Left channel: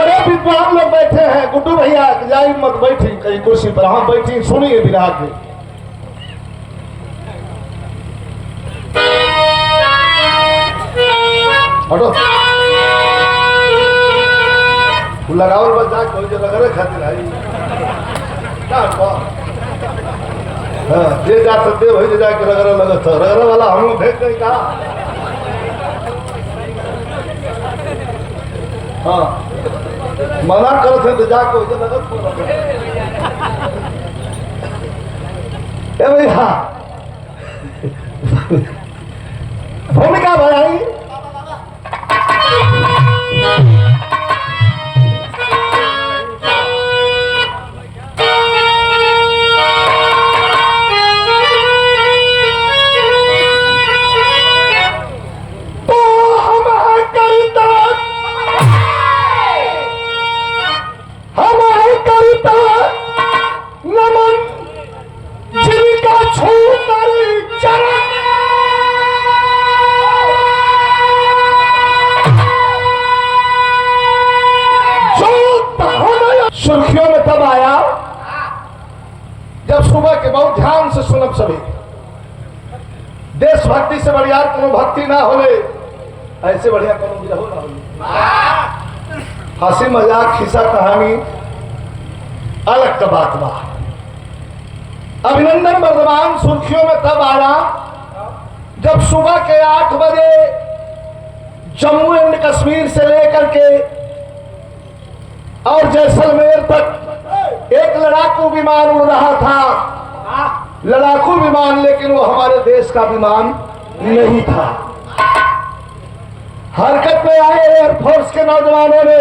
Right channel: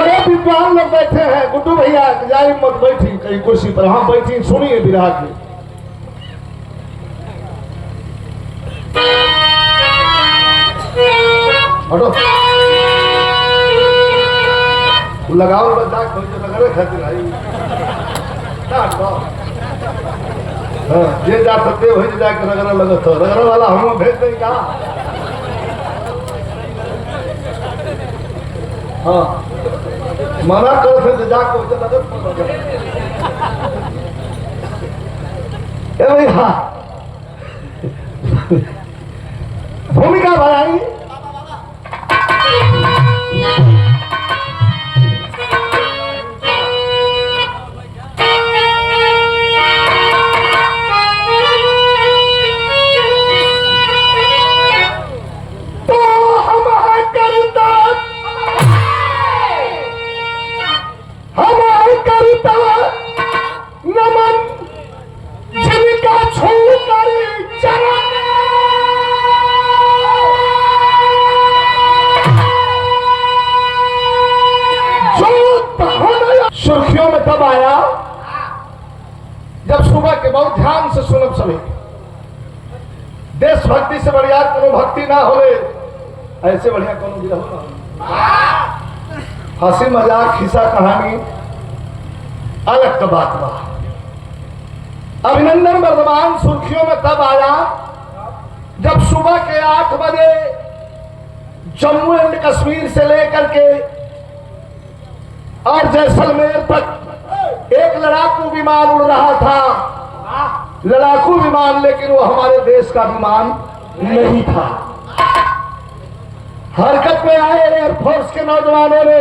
बड़े विद्वान लोग बैठे हैं। गुड्डू भैया जाई मत बैठी कहीं कुर्सी पर, हम बैठी सुनिए विराह के। हटो लगाओ बच्चा कोई जो लगा रहे खातिर आई क्या ये जा सकते वही जाकर रगड़ा लगा था रगड़ा वाला हम भेज नहीं कहा। हाँ मना कर थे तो जाको भाई। हाँ भूमिका बनाएंगे। सुर्खियों में तब आया जब सुबह के बहुत ध्यान से सुनब सभी। देशभक्ति से बढ़िया कोनो भक्ति ना होले, ऐसे बढ़िया कोनो भी हो ना। हंसी मजाक खिस्सा कहानी अलग का बात बा। अभिनंदन वर्धमान सुर्खियों में तब आया जब सुबह के 8 बजे जम्मू एंड कश्मीर से लेकर के और जैसलमेर तक एक लड़ाकू विमान उड़ रहा था। लड़ाकू विमान, लेकिन वो हमारे देश का विमान नहीं था। हरकत में आए एयरफोर्स के नौजवानों ने,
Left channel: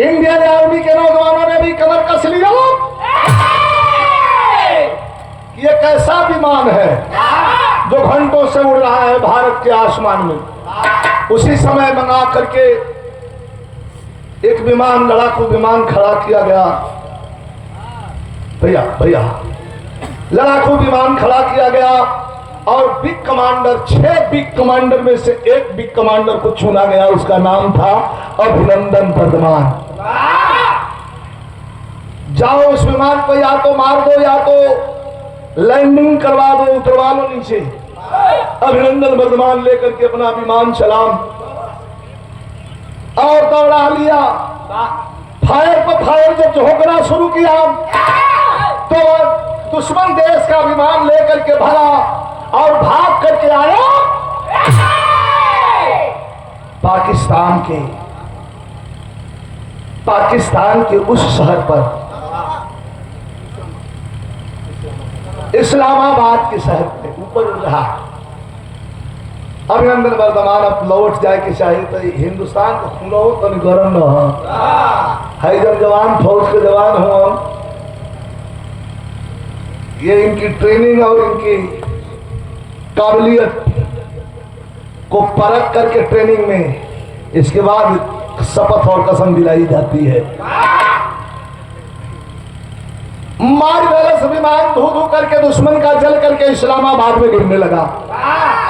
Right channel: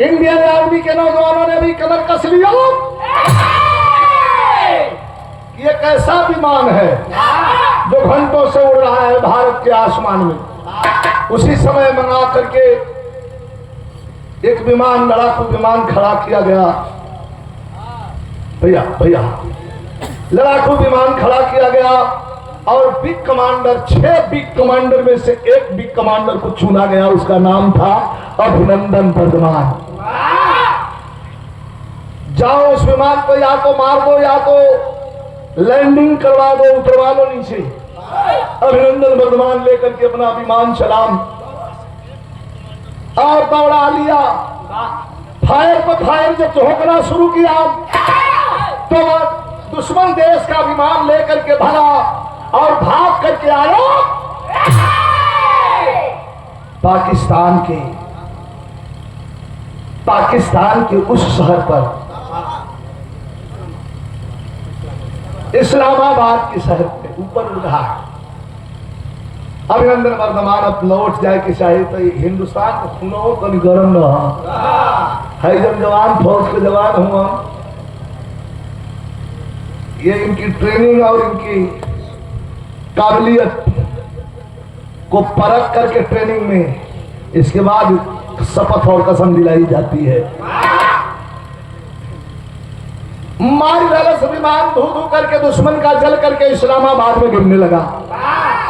इंडियन आर्मी के नौजवानों ने भी कमर कस लिया। ये कैसा विमान है जो घंटों से उड़ रहा है भारत के आसमान में। उसी समय मंगा करके एक विमान, लड़ाकू विमान खड़ा किया गया। भैया भैया लड़ाकू विमान खड़ा किया गया और बिग कमांडर, 6 बिग कमांडर में से एक बिग कमांडर को चुना गया। उसका नाम था अभिनंदन वर्धमान। जाओ उस विमान को या तो मार दो या तो लैंडिंग करवा दो, उतरवा लो नीचे। अभिनंदन वर्धमान लेकर के अपना विमान चलाम और दौड़ा लिया। फायर पर फायर जब झोंकना शुरू किया तो दुश्मन देश का विमान लेकर के भगा और भाग करके आया पाकिस्तान के उस शहर पर, इस्लामाबाद के शहर पे ऊपर रहा। अभिनंदन वर्धमान अब लौट जाए कि चाहे तो हिंदुस्तान को खुलो कभी गर्म न है। जब जवान फौज के जवान हो, ये इनकी ट्रेनिंग और इनकी काबिलियत को परख करके ट्रेनिंग में इसके बाद शपथ और कसम दिलाई जाती है। मार वाले से विमान धू धू करके दुश्मन का जल करके इस्लामाबाद में गिरने लगा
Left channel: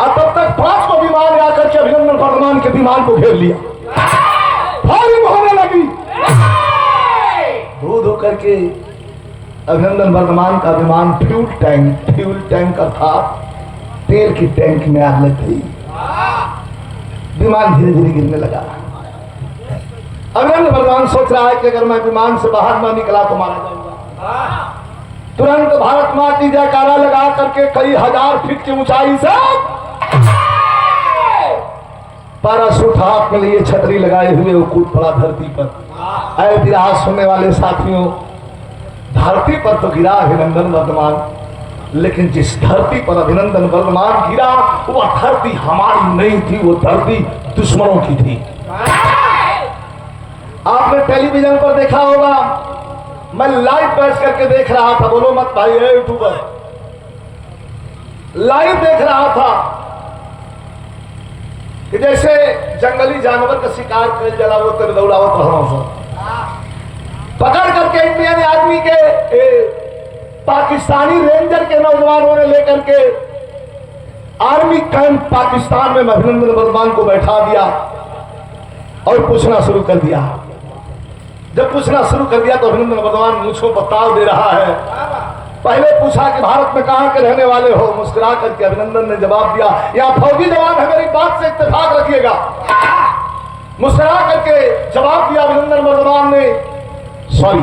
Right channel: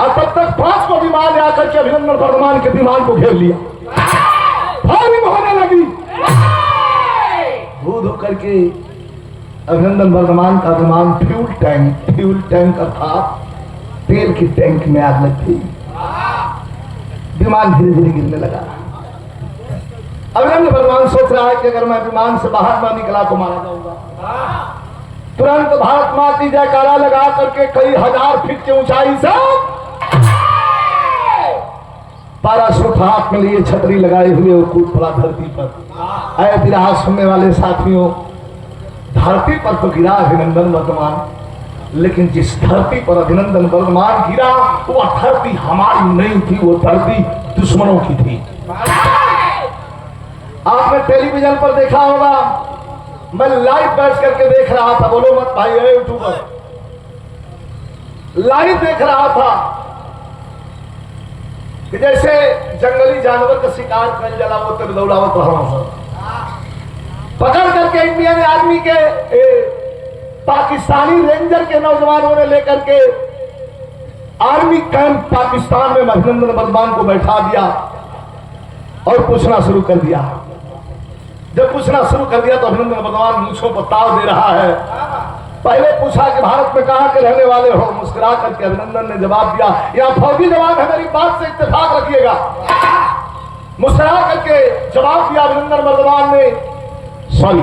और तब तक 5 को विमान आकर के अभिनंदन वर्धमान के विमान को घेर लिया। फायरिंग होने लगी। धू धू करके अभिनंदन वर्धमान का विमान फ्यूल टैंक अर्थात तेल की टैंक में आग लग गई। विमान धीरे धीरे गिरने लगा। अभिनंदन वर्धमान सोच रहा है कि अगर मैं विमान से बाहर न निकला तो मारा जाऊंगा। तुरंत भारत मां की जयकारा लगा करके कई हजार फीट की ऊंचाई से पैराशूट हाथ में लिए छतरी लगाए हुए वो कूद पड़ा धरती पर। ऐ विराह सुनने वाले साथियों, धरती पर तो गिरा अभिनंदन वर्धमान, लेकिन जिस धरती पर अभिनंदन वर्धमान गिरा वो धरती हमारी नहीं थी, वो धरती दुश्मनों की थी। आपने टेलीविजन पर देखा होगा, मैं लाइव बैठ करके देख रहा था। बोलो मत भाई, यूट्यूबर लाइव देख रहा था कि जैसे जंगली जानवर का शिकार कर जलाओ कर दौड़ाओ तो पकड़ करके इंडियन आर्मी के पाकिस्तानी रेंजर के नौजवानों ने लेकर के आर्मी कैंप पाकिस्तान में अभिनंदन वर्धमान को बैठा दिया और पूछना शुरू कर दिया, जब पूछना शुरू कर दिया तो अभिनंदन वर्धमान मूंछों पर ताव दे रहा है। पहले पूछा कि भारत में कहां के रहने वाले हो, मुस्कुरा करके अभिनंदन ने जवाब दिया यहाँ फौजी जवान है, मेरी बात से इत्तेफाक रखिएगा। मुस्कुरा करके जवाब दिया अभिनंदन वर्धमान ने, सॉरी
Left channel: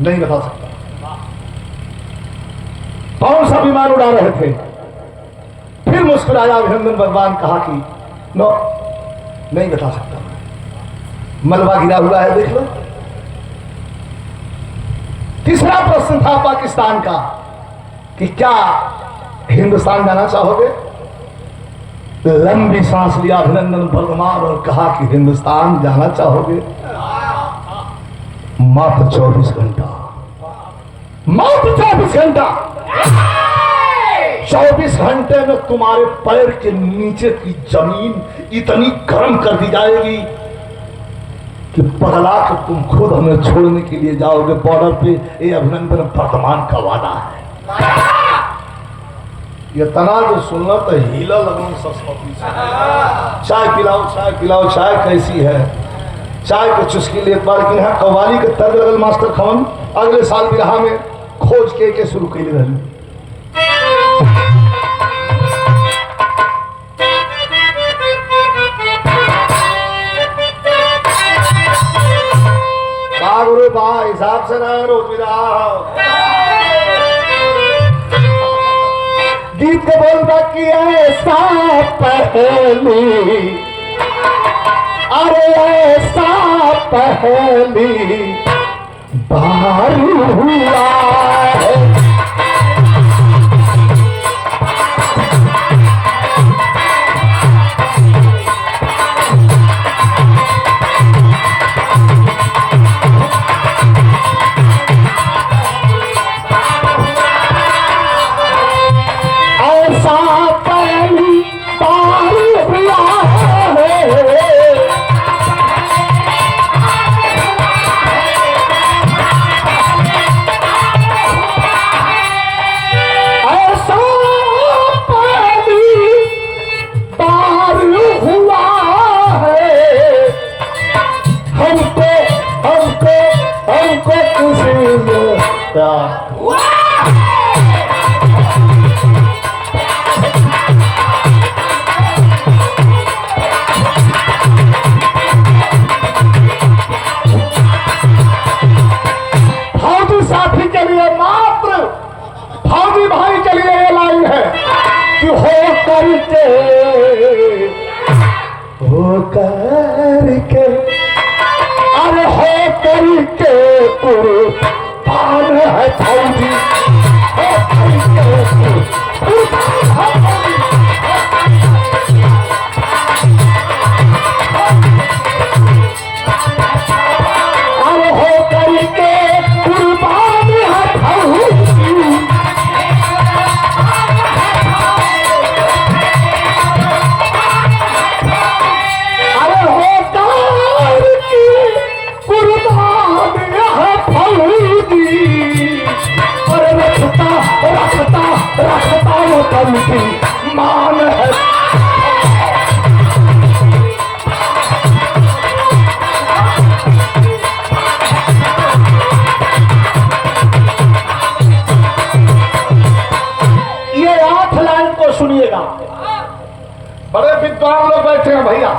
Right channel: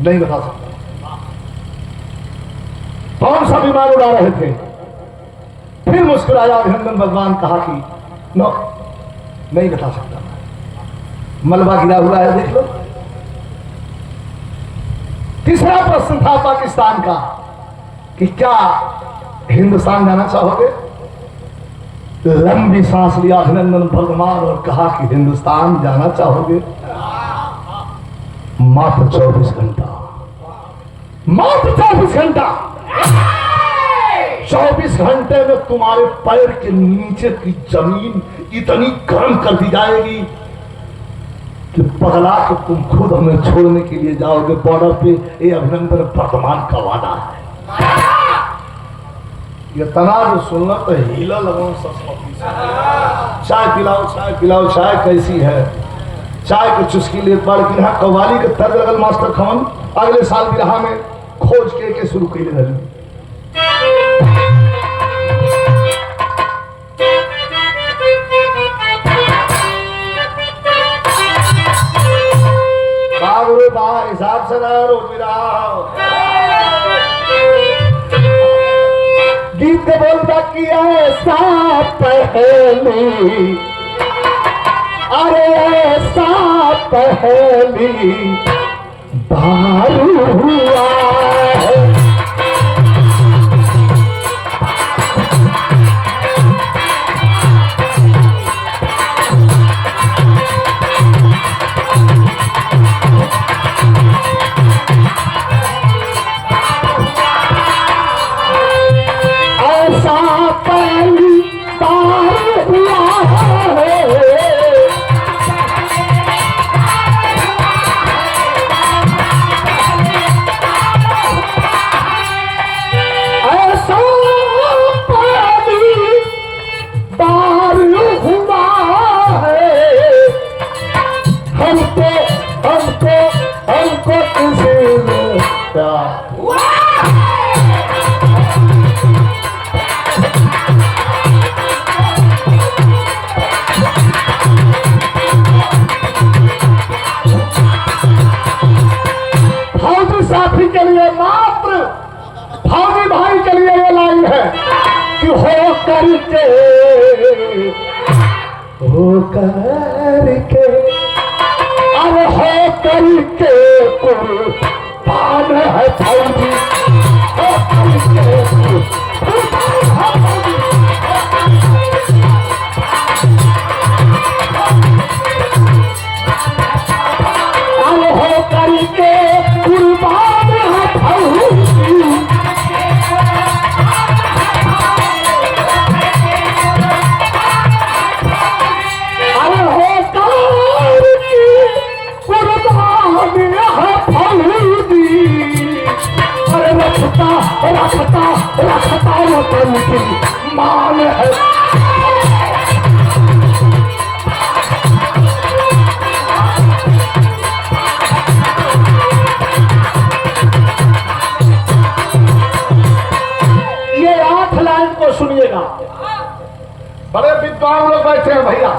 नहीं बता सकता कौन सा विमान उड़ा रहे थे। फिर मुस्कुराया अभिनंदन वर्धमान, कहा कि नो नहीं बता सकता, मलबा गिरा हुआ है देख लो। तीसरा प्रश्न था पाकिस्तान का कि क्या हिंदुस्तान जाना चाहोगे। लंबी सांस लिया अभिनंदन वर्धमान और कहा कि हिंदुस्तान जाना चाहोगे। मात्र 24 घंटा, मात्र 24 घंटा, 24 घंटे में तुम्हारे पैर के नीचे की जमीन इतनी गर्म कर दी जाएगी कि पगला के तुम खुद हमें छोड़ने के लिए जाओगे बॉर्डर पे। ये अभिनंदन वर्धमान का वादा है। ये तना जो सुनना तो हीला लगन सरस्वती से। चाय पिलाओ, चाय पिलाओ, चाय कैसी है। चाय को चुस्की ले बार के यहाँ कव्वाली के तर्ज लगल मास्टर खमन अगले साल बिरहा में खोज के शुरू कर रही। गुरु बा हिसाब से रोज गीत के बोलता कि ऐसा पहली, अरे ऐसा पहली बार हुआ है। बड़े विद्वान लोग बैठे हैं भैया,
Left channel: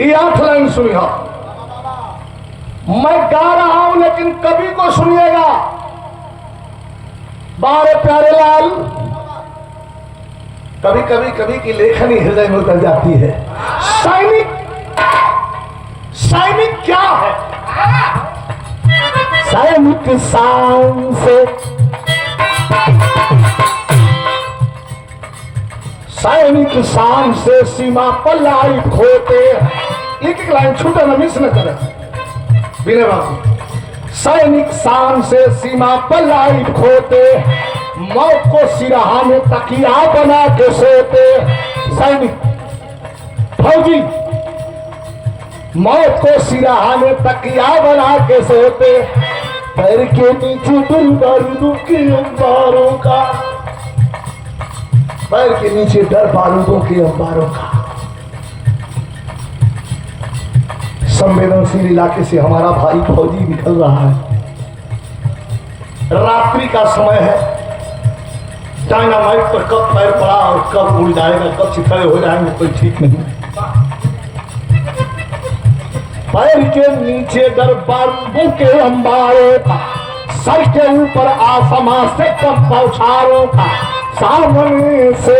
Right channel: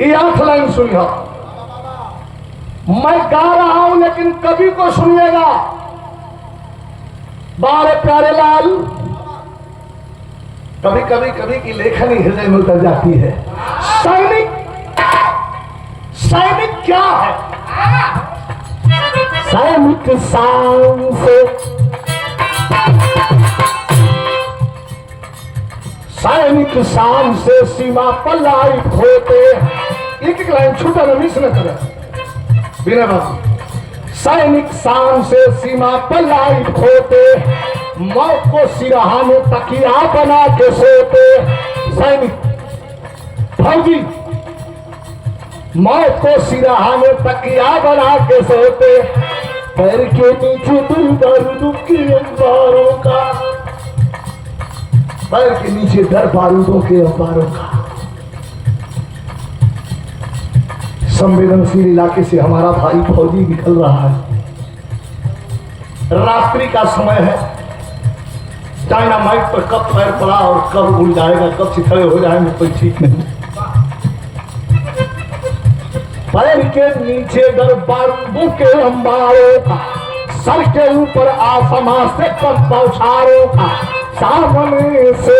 ये 8 लाइन सुनिए। मैं गा रहा हूं लेकिन कवि को सुनिएगा। बारे प्यारे लाल, कभी कभी कभी की लेखनी हृदय में उतर जाती है। सैनिक, सैनिक क्या है? सैनिक शान से, सैनिक शान से सीमा पर लाइफ होते। एक एक लाइन छूटा न मिस न करे बिना बात। सैनिक शान से सीमा पर लाइफ होते, मौत को सिरहाने तकिया बना के सोते। सैनिक फौजी मौत को सिरहाने तकिया बना के सोते। पैर के नीचे दिल बारूदों के अंबारों का, पैर के नीचे डर बारूदों के अंबारों का। संवेदनशील इलाके से हमारा भाई फौजी निकल रहा है। रात्रि का समय है, डायनामाइट पर कब पैर पड़ा और कब उड़ जाएगा, कब छितरे हो जाएंगे कोई ठीक नहीं। पैर के नीचे दरबारों के अंबारों का, सर के ऊपर आसमां से कम बौछारों का, सामने से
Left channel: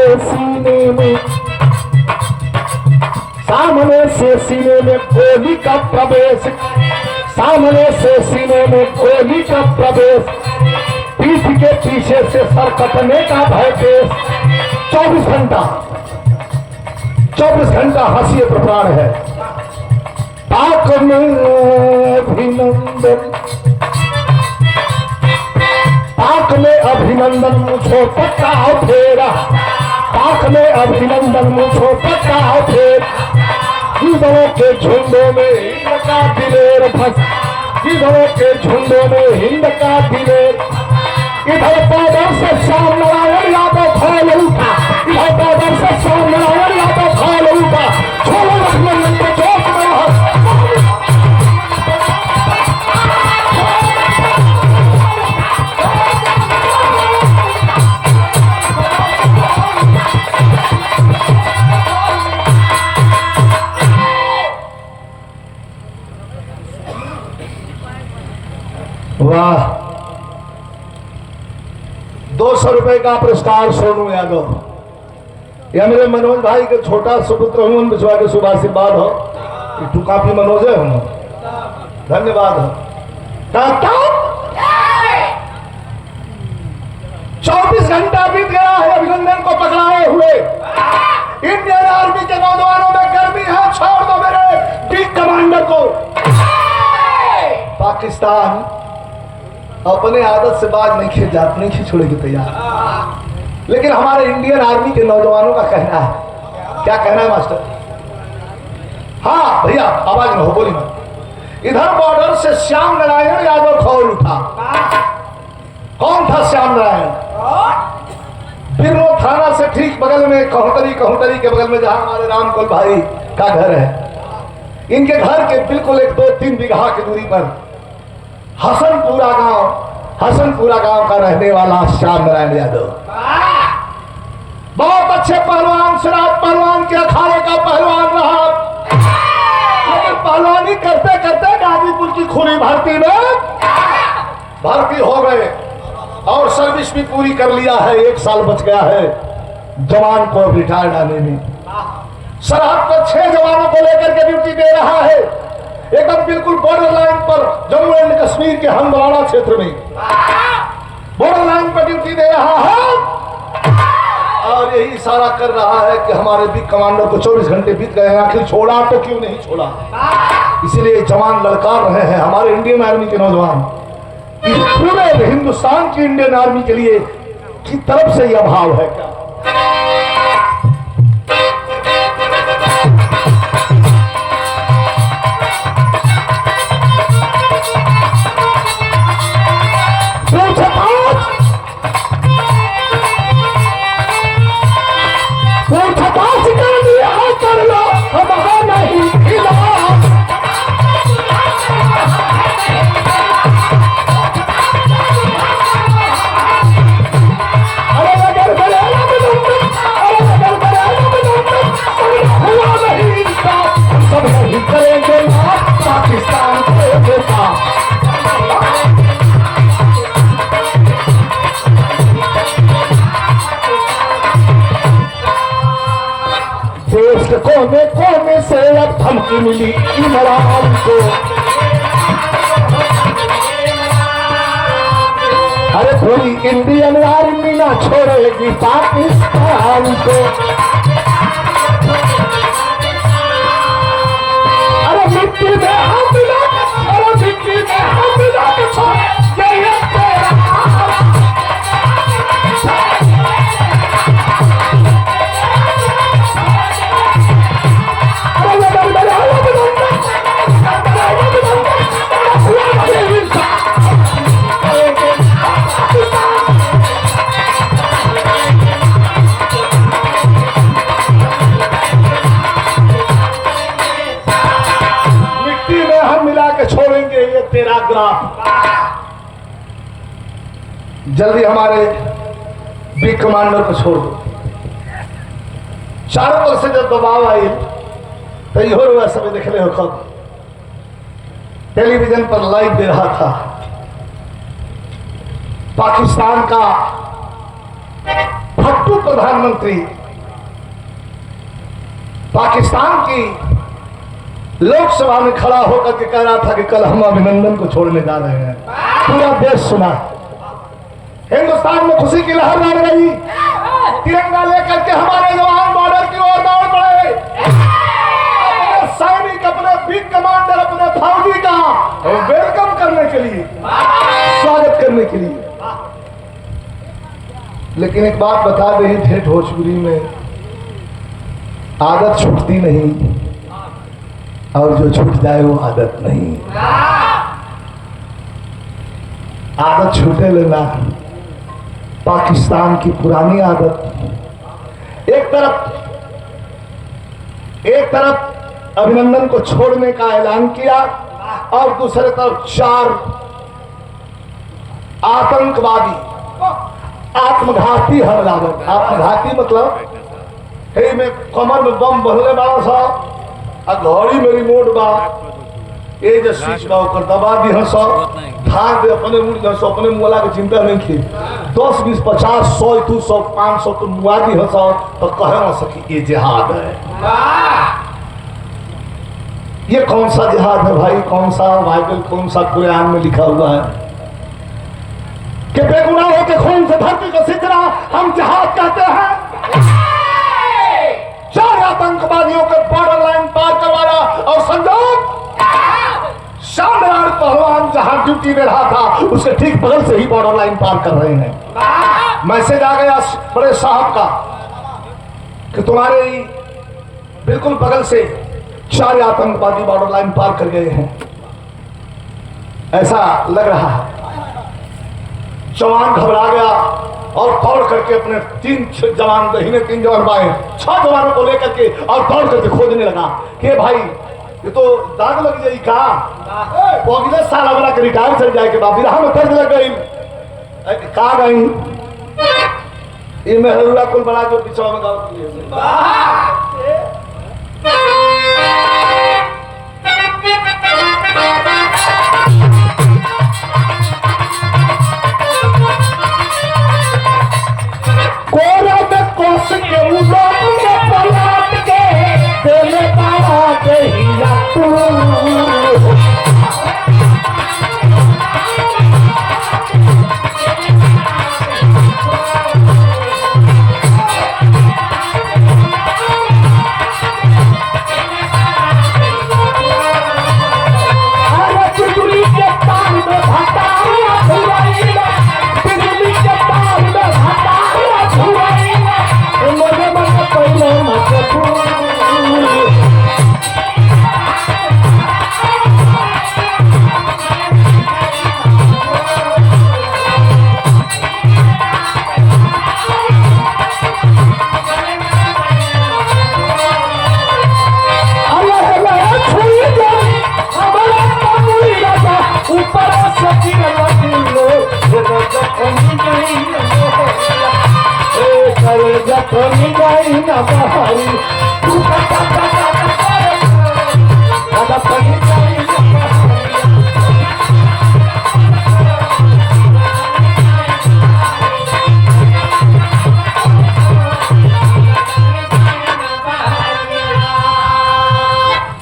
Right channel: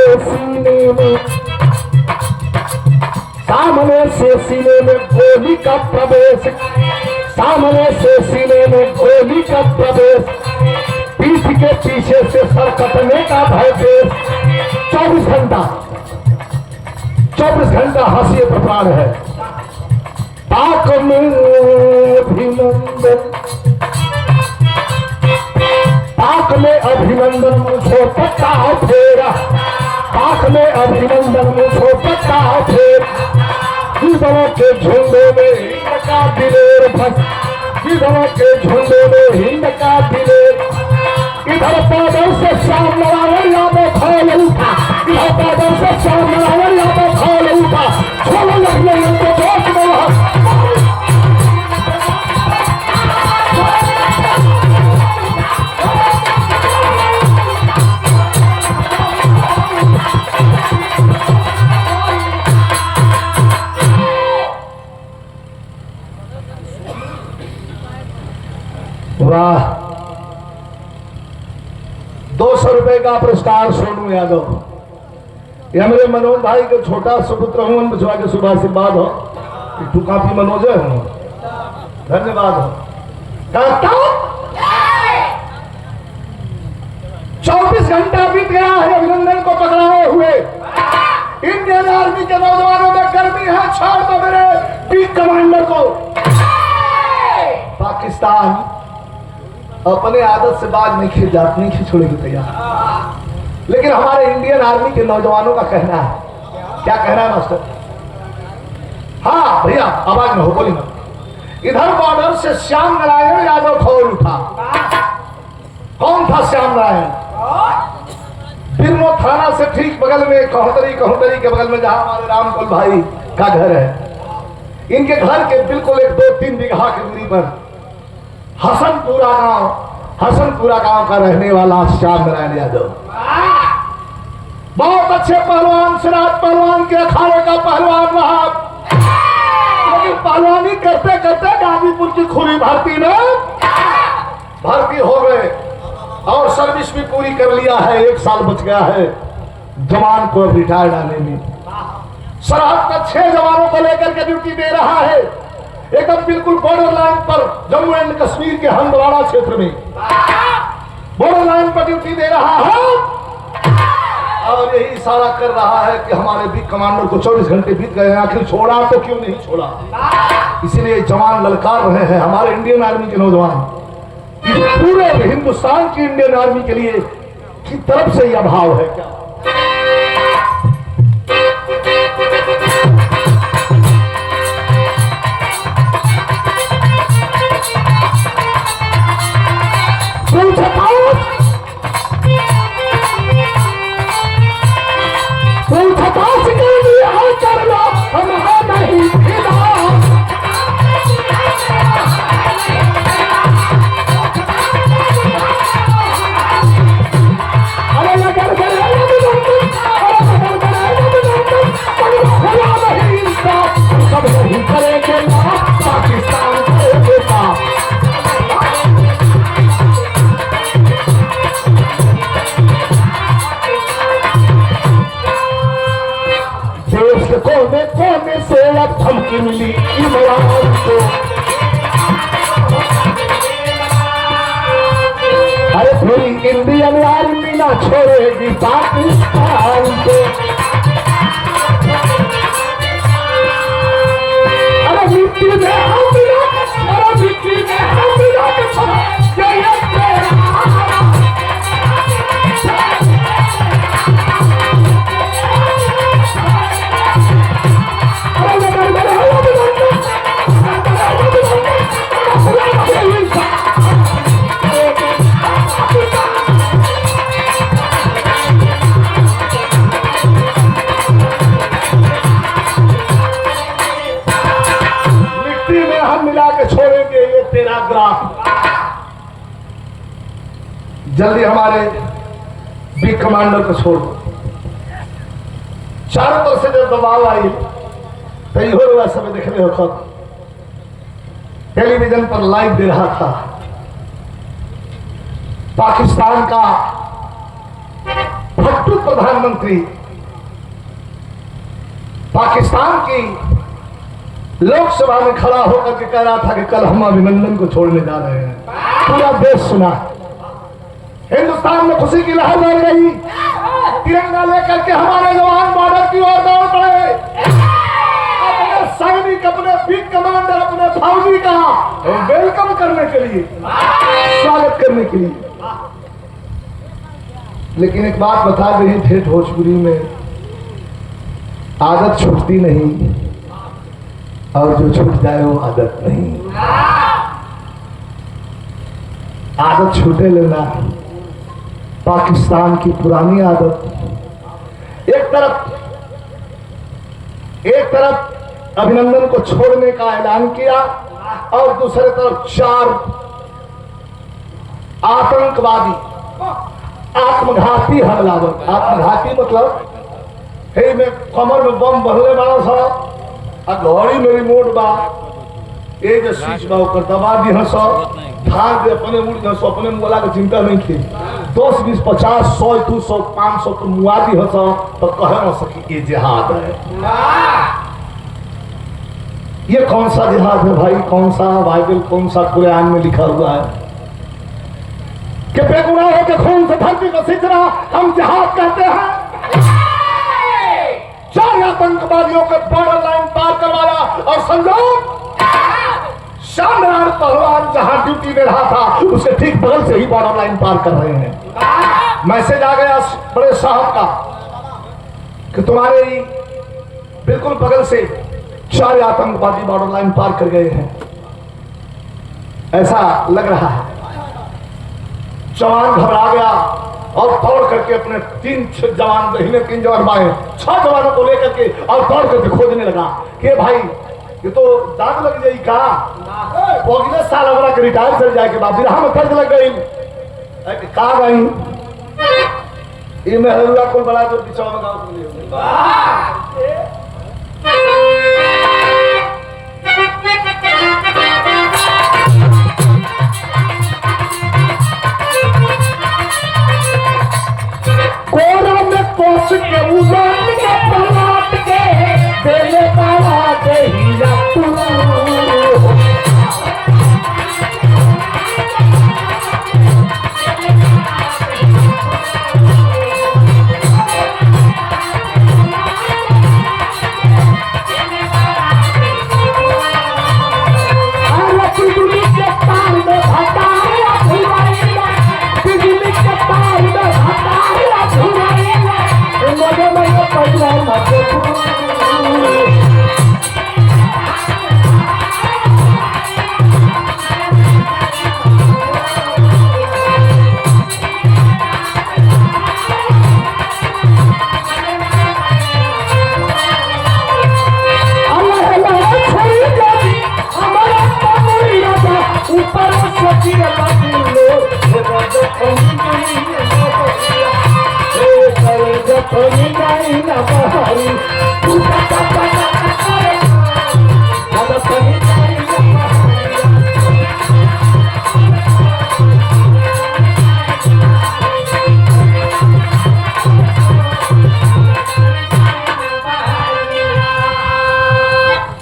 सीने में गोली का प्रवेश, सामने से सीने में गोली का प्रवेश, पीठ के पीछे से सर कटने का भय पेश। 24 घंटा हंसी पर प्राण है। पाक में अभिनंदन, पाक में अभिनंदन मुझो पक्का फेरा, पाक में अभिनंदन मुझो पक्का फेरा। दीवारों के झुंडों में हिंद का दिलेर फंस, दीवारों के झुंडों में हिंद का दिलेर। इधर बादल से श्याम नारायण यादव फैल उठा, इधर बादल से श्याम नारायण यादव फैल उठा। छोड़ो लक्ष्मण को जोश में वाह। 200 रुपए का पुरस्कार सोनू यादव। यह मेरे मनोज भाई के छोटा सुपुत्र हूं, विश्वा के शुभ आशीर्वाद हो। तू काफी मनोज है, धन्यवाद हो। 24 घंटा बीत गया है अभिनंदन को पकड़ाए हुए। इंडियन आर्मी के नौजवानों में गर्मी है, छोड़ दो मेरे बिग कमांडर को। पाकिस्तान अपने आदत से बाज नहीं छोड़ने की तैयार, लेकिन हमारे इंडियन आर्मी के नौजवानों का कहना है। क्या कहना है मास्टर? हाँ भैया आवाज में हो, बोली मत। इधर बॉर्डर से श्याम नारायण यादव खोल उठा। कौन था श्याम नारायण? बिरनो थाना से ठीक बगल में कहोटरी के बगल में जहां हमारे रामकुल भाई का घर है, इनके घर के बिल्कुल 1-2-3 बीघा की दूरी पर हसनपुरा गांव का रहने वाला श्याम नारायण यादव। बहुत अच्छे पहलवान, सिराज पहलवान के अखाड़े का पहलवान रहा, लेकिन पहलवानी करते करते गाजीपुर की खुली भर्ती में भर्ती हो गए और सर्विस भी पूरी कर लिया है। 1 साल बच गया है जवान को रिटायर्ड आने में। सरहद पर 6 जवानों को लेकर के ड्यूटी दे रहा है, एकदम बिल्कुल बॉर्डर लाइन पर, जम्मू एंड कश्मीर के हंदवाड़ा क्षेत्र में बॉर्डर लाइन पर ड्यूटी दे रहा है। और यही इशारा कर रहा है कि हमारे बिग कमांडर को 24 घंटे बीत गए, आखिर छोड़ा तो क्यों नहीं छोड़ा। इसलिए जवान ललकार रहे हैं हमारे इंडियन आर्मी के नौजवान। पूरे हिंदुस्तान की इंडियन आर्मी के लिए की तरफ से यह भाव है। क्या कोने से अब धमकी मिली इमरान को। अरे पूरी इंडियन आर्मी ना छोड़ेगी पाकिस्तान को। अरे मिट्टी में हाथ मिला के, अरे मिट्टी में हाथ मिला के छोड़। देंगे ये तेरा ग्राफ। जल्दी हमारे बिग कमांडर को छोड़ दो। चारों तरफ से जब दबाव आई तो ये हुआ सब देख रहे हो, खुद टेलीविजन पर लाइव दे रहा था। पाकिस्तान का फट्टू प्रधानमंत्री पाकिस्तान की लोकसभा में खड़ा होकर के कह रहा था कि कल हम अभिनंदन को छोड़ने जा रहे हैं। पूरा देश सुना, हिंदुस्तान में खुशी की लहर लड़ गई। तिरंगा लेकर के हमारे जवान बॉर्डर की ओर दौड़ पड़े। अपने सैनिक, अपने बिग कमांडर, अपने फौजी का वेलकम करने के लिए, स्वागत करने के लिए। लेकिन एक बात बता रही थे भोजपुरी में, आदत छूटती नहीं और जो छूट जाए वो आदत नहीं। आदत छूटे लेना पाकिस्तान की पुरानी आदत। एक तरफ अभिनंदन को छोड़ने का ऐलान किया और दूसरे तरफ 4 आतंकवादी, आत्मघाती हमलावर। आत्मघाती मतलब हे में कमर में बम भरले बड़ा सा, घड़ी मेरी मोट बा, ये जो स्विच बा ऊपर दबा दी हंस, धार दे अपने मुड़ हंस, अपने मुला की चिंता नहीं थी। 10, 20, 50, 100, 200, 500 तो मुआ दी हंस तो कह न सकी ये जिहाद है। ये कौन सा जिहाद है भाई? कौन सा बाइबल, कौन सा कुरान में लिखा हुआ है कि बेगुनाहों के खून से धरती को सिंचना हम जिहाद कहते हैं? 4 आतंकवादियों के बॉर्डर लाइन पार करवाना और संजोग शानदार पहलवान जहां ड्यूटी में रहा था उसके ठीक बगल से ही बॉर्डर लाइन पार कर रहे हैं। मैसेज आ गया बड़े साहब का कि तुम्हारे ही बिल्कुल बगल से 4 आतंकवादी बॉर्डर लाइन पार कर गए हैं, ऐसा लग रहा है। जवान घबरा गया और दौड़ करके अपने 3 जवान दहीने, 3 जवान बाएं, 6 जवानों को लेकर के और दौड़ करके खोजने लगा कि भाई ये तो दाग लग जाए का, अगले साल अगला के रिटायर चल जाए के बाद बिरहा में दर्द लग गई का गई। ये मेहरुआ कुल बड़ा जो पिछवा में गाँव कोरा में कोस के उबाल के पलट के देले पावा देहिया तू।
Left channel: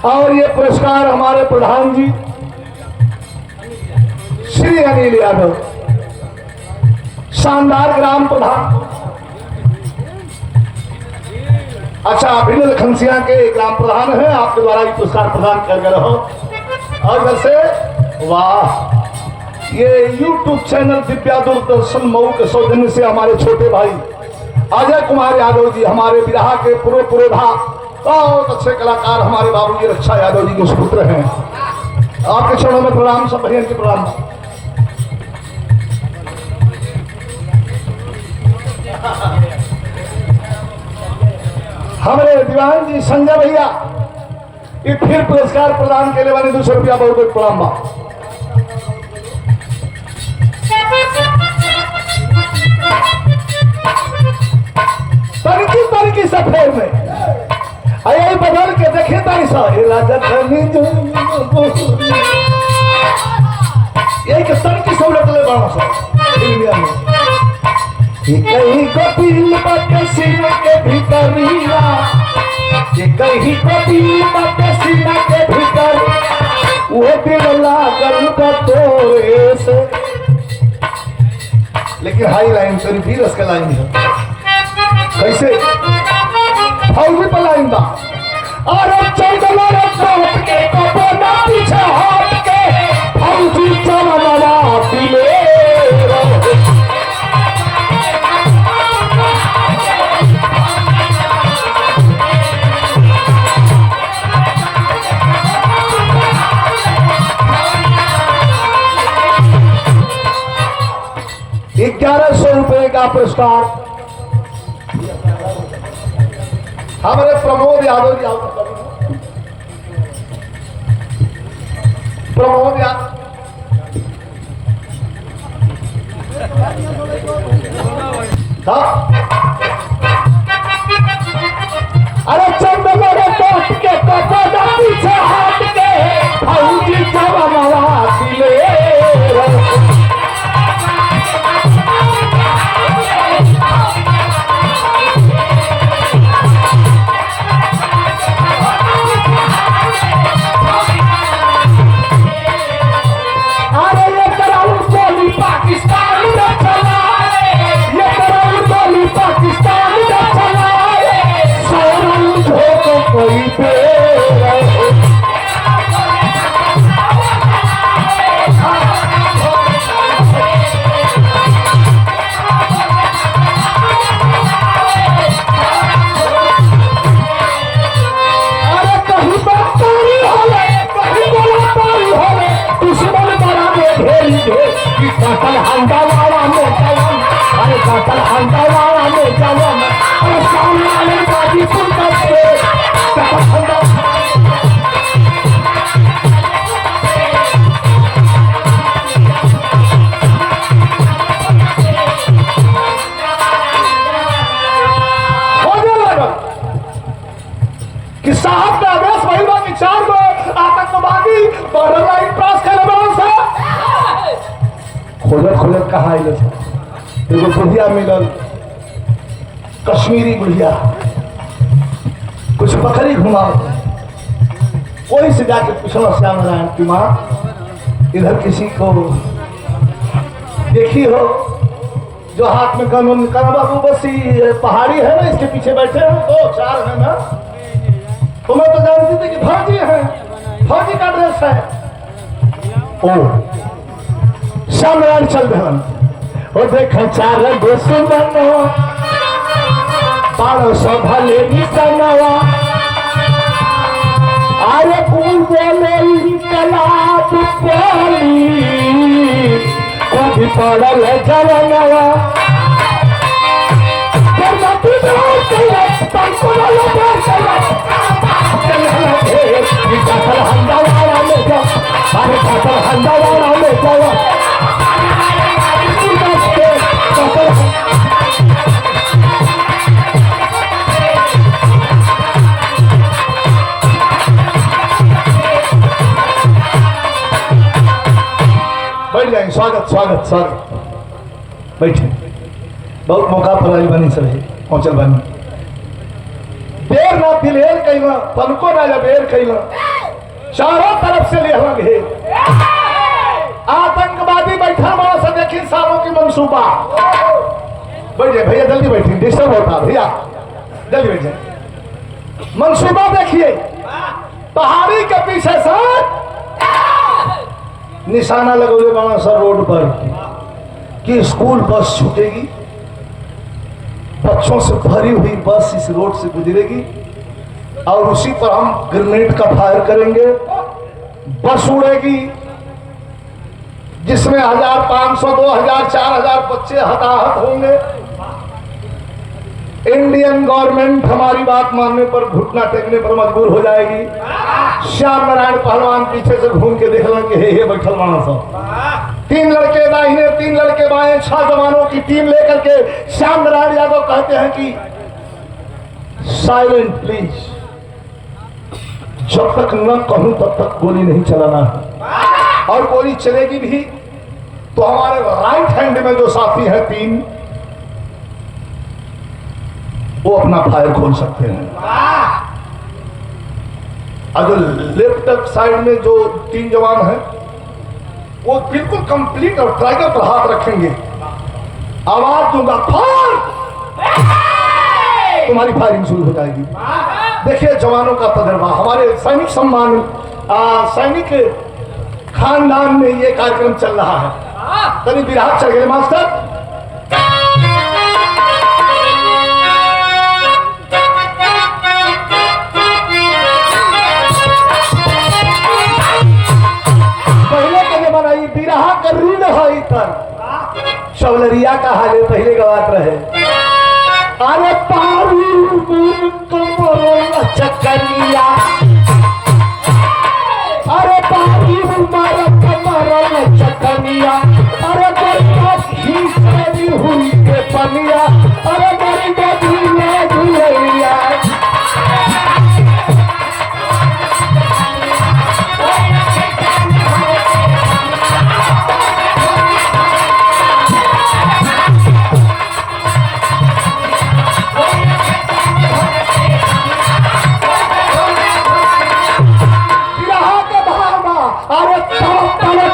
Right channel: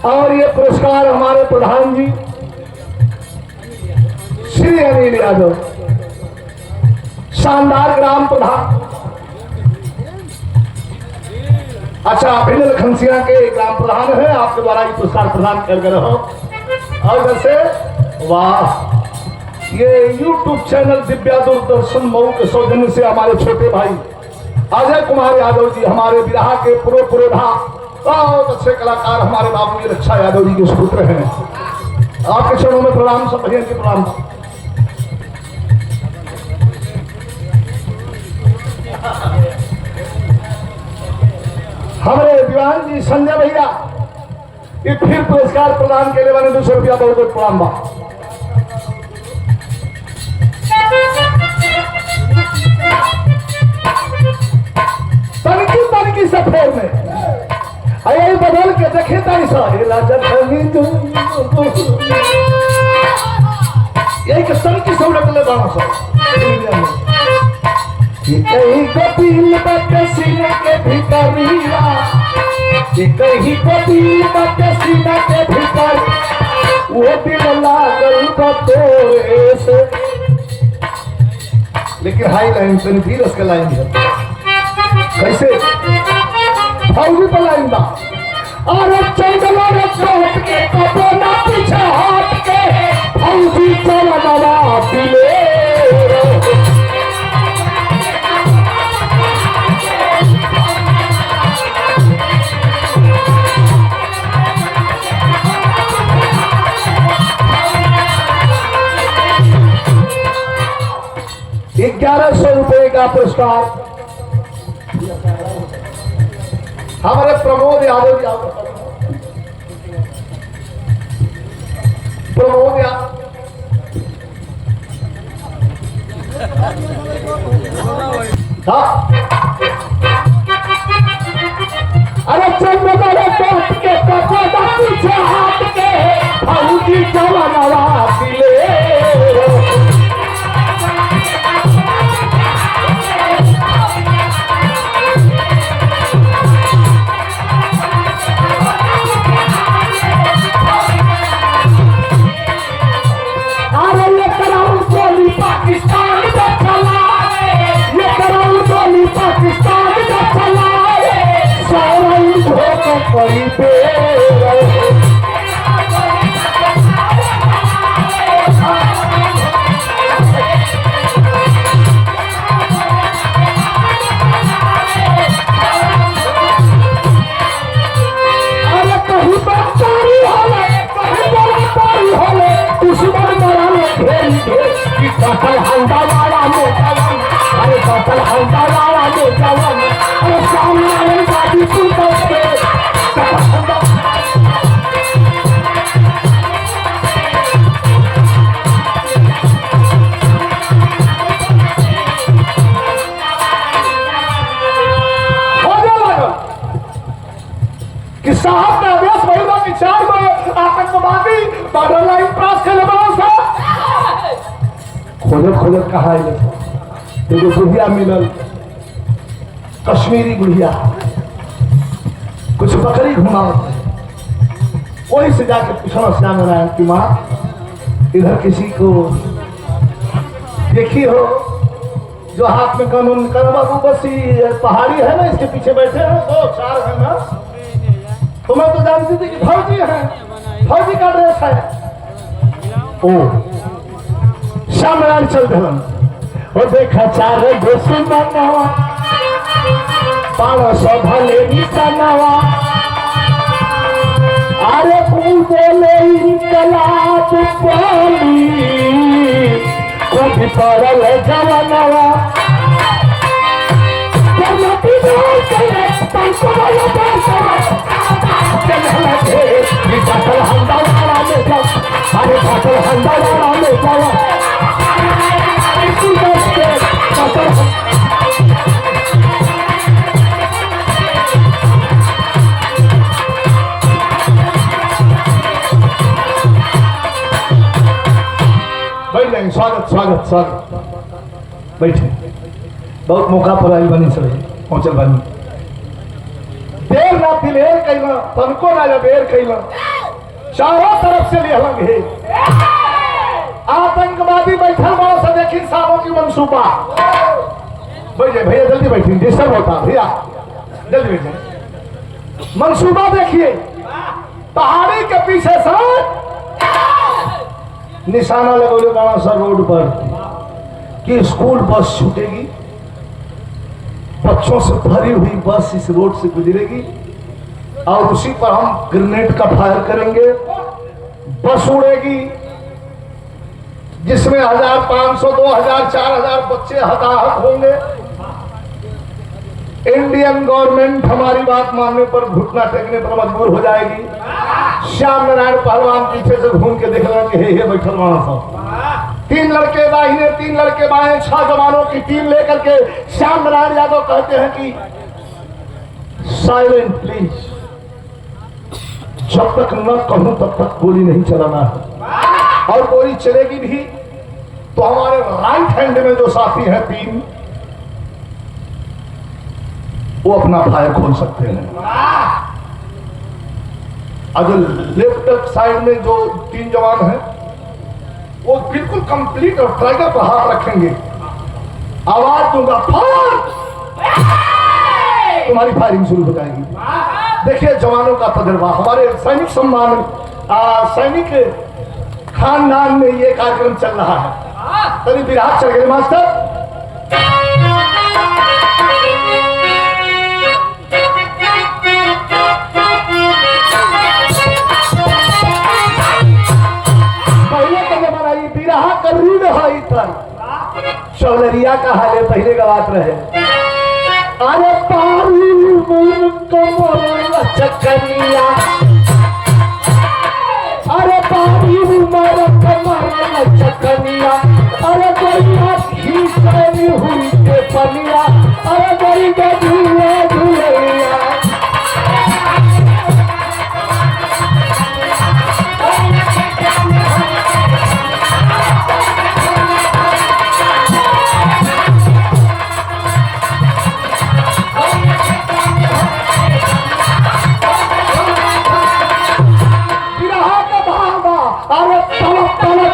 और ये पुरस्कार हमारे प्रधान जी श्री अनिल यादव, शानदार ग्राम प्रधान। अच्छा, अभिनव खंसिया के ग्राम प्रधान है, आपके द्वारा भी पुरस्कार प्रदान कर गए रहो। और जैसे वाह, ये YouTube चैनल दिव्या दूरदर्शन मऊ के सौजन्य से हमारे छोटे भाई अजय कुमार यादव जी, हमारे बिरहा के पुरोधा बहुत अच्छे कलाकार, हमारे बाबू जी रक्षा यादव जी के सुपुत्र हैं। आपके चरणों में प्रणाम, सब भैया के प्रणाम। हमारे दीवान जी संजय भैया ये फिर पुरस्कार प्रदान के लिए वाले 200 रुपया बहुत बहुत प्रणाम बा। फेर में यही बदल के देखे तारी सा यही के सन की सब लटले बाणा सा इंडिया में कहीं कपिल बाटे सीने के भीतरिया कहीं कपिल बाटे सीने के भीतर वो दिन लागल बतोए से। लेकिन हाई लाइन तो धीरज का लाइन है कैसे फौजी पर लाइन बा अरे चंदना रे काट के कपड़ा पीछे हट के फौजी चलना दिले ₹1100 का पुरस्कार हमारे प्रमोद यादव जी प्रमोद यादव अरे चंद्रमा काट के कपड़ा पीछे हाथ के फौजी जवाना दिले कि साहब का आदेश वही बा कि 4 गो आतंकवादी बॉर्डर लाइन क्रॉस कर बड़ा खोजत कहा आइल एगो बुढ़िया मिलल कश्मीरी बुढ़िया कुछ बकरी घुमाओ वही से जाके पूछना श्याम नारायण की माँ इधर किसी को देखी हो जो हाथ में कानून कर बाबू बस पहाड़ी है ना इसके पीछे बैठे हैं 2-4 है ना तो मैं तो जानती थी कि फौजी है फौजी का ड्रेस है ओ श्याम नारायण चल रहे और देखा 4 दुश्मन 500 भले निशानवा अरे कुल बोले इनकलाब पाली कभी पड़ल जवानवा बैठ जाएंगे स्वागत स्वागत स्वागत बैठे बहुत मौका पर आई बनी सर पहुंचल बनी देर ना दिलेर कैला तनको ना देर कैला चारों तरफ से लिया घेर आतंकवादी बैठल वहां से देखी सालों की मंसूबा बैठ जाए भैया जल्दी बैठिए डिस्टर्ब होता भैया जल्दी बैठ जाए मंसूबा देखिए पहाड़ी के पीछे से निशाना लगोले बाबा सर रोड पर कि स्कूल बस छूटेगी बच्चों से भरी हुई बस इस रोड से गुजरेगी और उसी पर हम ग्रेनेड का फायर करेंगे बस उड़ेगी जिसमें 1500 2000 4000 बच्चे हताहत होंगे इंडियन गवर्नमेंट हमारी बात मानने पर घुटना टेकने पर मजबूर हो जाएगी श्याम नारायण पहलवान पीछे से घूम के देखला कि हे बैठल माना साहब 3 लड़के दाहिने 3 लड़के बाएं 6 जवानों की टीम लेकर के श्याम नारायण यादव कहते हैं कि साइलेंट प्लीज। जब तक न कहूं तब तक गोली नहीं चलाना है, और गोली चलेगी भी तो हमारे राइट हैंड में जो साथी हैं 3, वो अपना फायर खोल सकते हैं, और जो लेफ्ट साइड में जो 3 जवान हैं वो बिल्कुल कंप्लीट और ट्राइगर पर हाथ रखेंगे। आवाज दूंगा फायर, तुम्हारी फायरिंग शुरू हो जाएगी। देखिए जवानों का तजर्बा, हमारे सैनिक सम्मान सैनिक खानदान में ये कार्यक्रम चल रहा है। तभी विराट चल गए मास्टर। पहले कहे बनाई बिरहा कर रीढ़ है इतर शौलरिया का हाले पहले गवात रहे। अरे पारी मुन कमर चकनिया, अरे पारी मुमर कमर चकनिया, अरे गरीबा खींचनी हुई के पनिया, अरे गरीबा झूले झूलिया।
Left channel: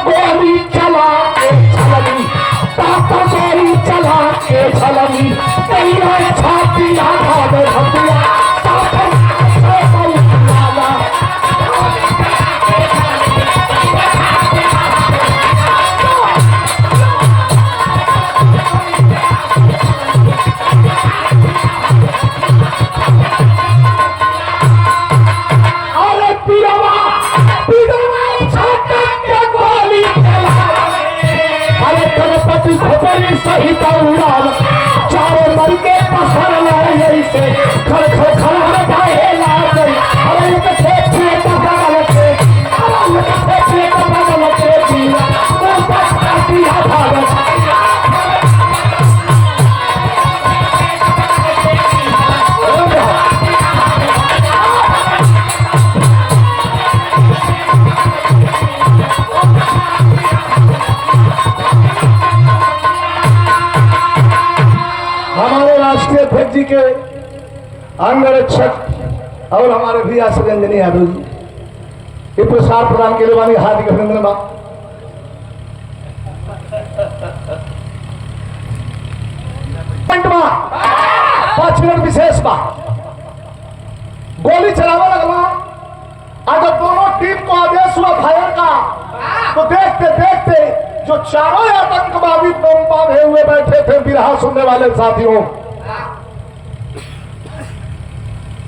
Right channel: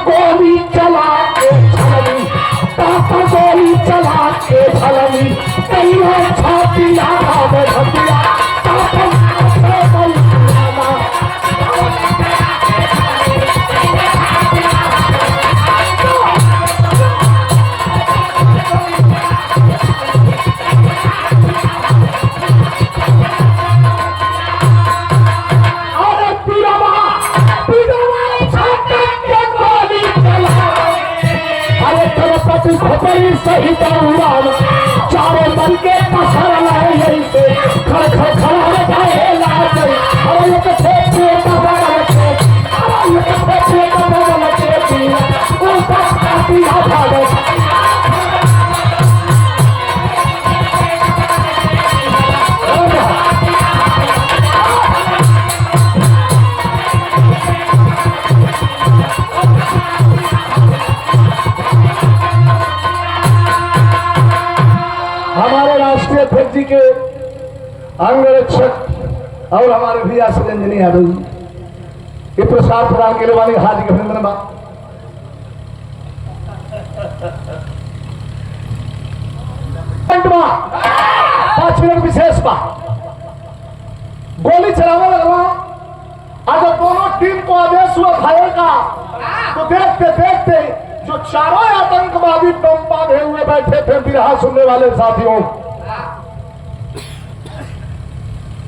गोली चला के छलनी, पापा गोली चला के छलनी, तेरा छातिया भाग हटिया, पापा गोली चला। अरे पिरवा पति खोपड़ी सहित उड़ान, चारों दल के पसरल ऐसे खड़ खड़ खड़ जाए लाज। अरे ये फेफड़े का बगल के, ये फेफड़े का बगल के दिया, बोलता पातिया भागत। अध्यक्ष जी के अंगरक्षक और हमारे भैया श्री अंजनी यादव जी ये प्रसाद प्रदान के लिए वाली हार्दिक अभिनंदन बा। 5 मिनट विशेष बा, गोली चलाने लगवा। अगर दोनों टीम को आदेश हुआ फायर का तो देखते देखते जो चारों आतंकवादी बम बांधे हुए बैठे थे बिरहा सुनने वाले साथियों,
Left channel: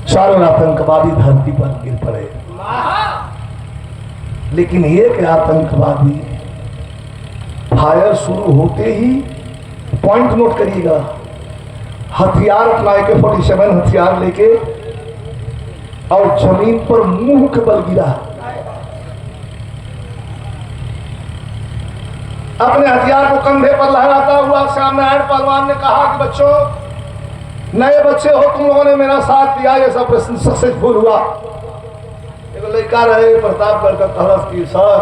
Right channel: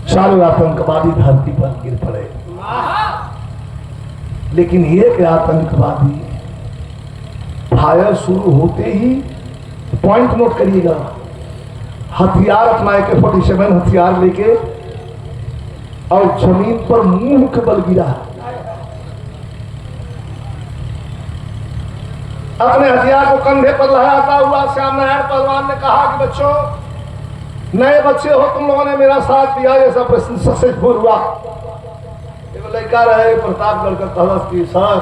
चारों आतंकवादी धरती पर गिर पड़े। लेकिन एक आतंकवादी फायर शुरू होते ही, पॉइंट नोट करिएगा, हथियार अपना AK-47 हथियार लेके और जमीन पर मुंह के बल गिरा। अपने हथियार को कंधे पर लहराता हुआ श्याम नारायण पहलवान ने कहा कि बच्चों, नए बच्चे हो, तुम लोगों ने मेरा साथ दिया, ये सब प्रश्न सक्सेसफुल हुआ। एक लड़का रहे प्रतापगढ़ का, कहस की सर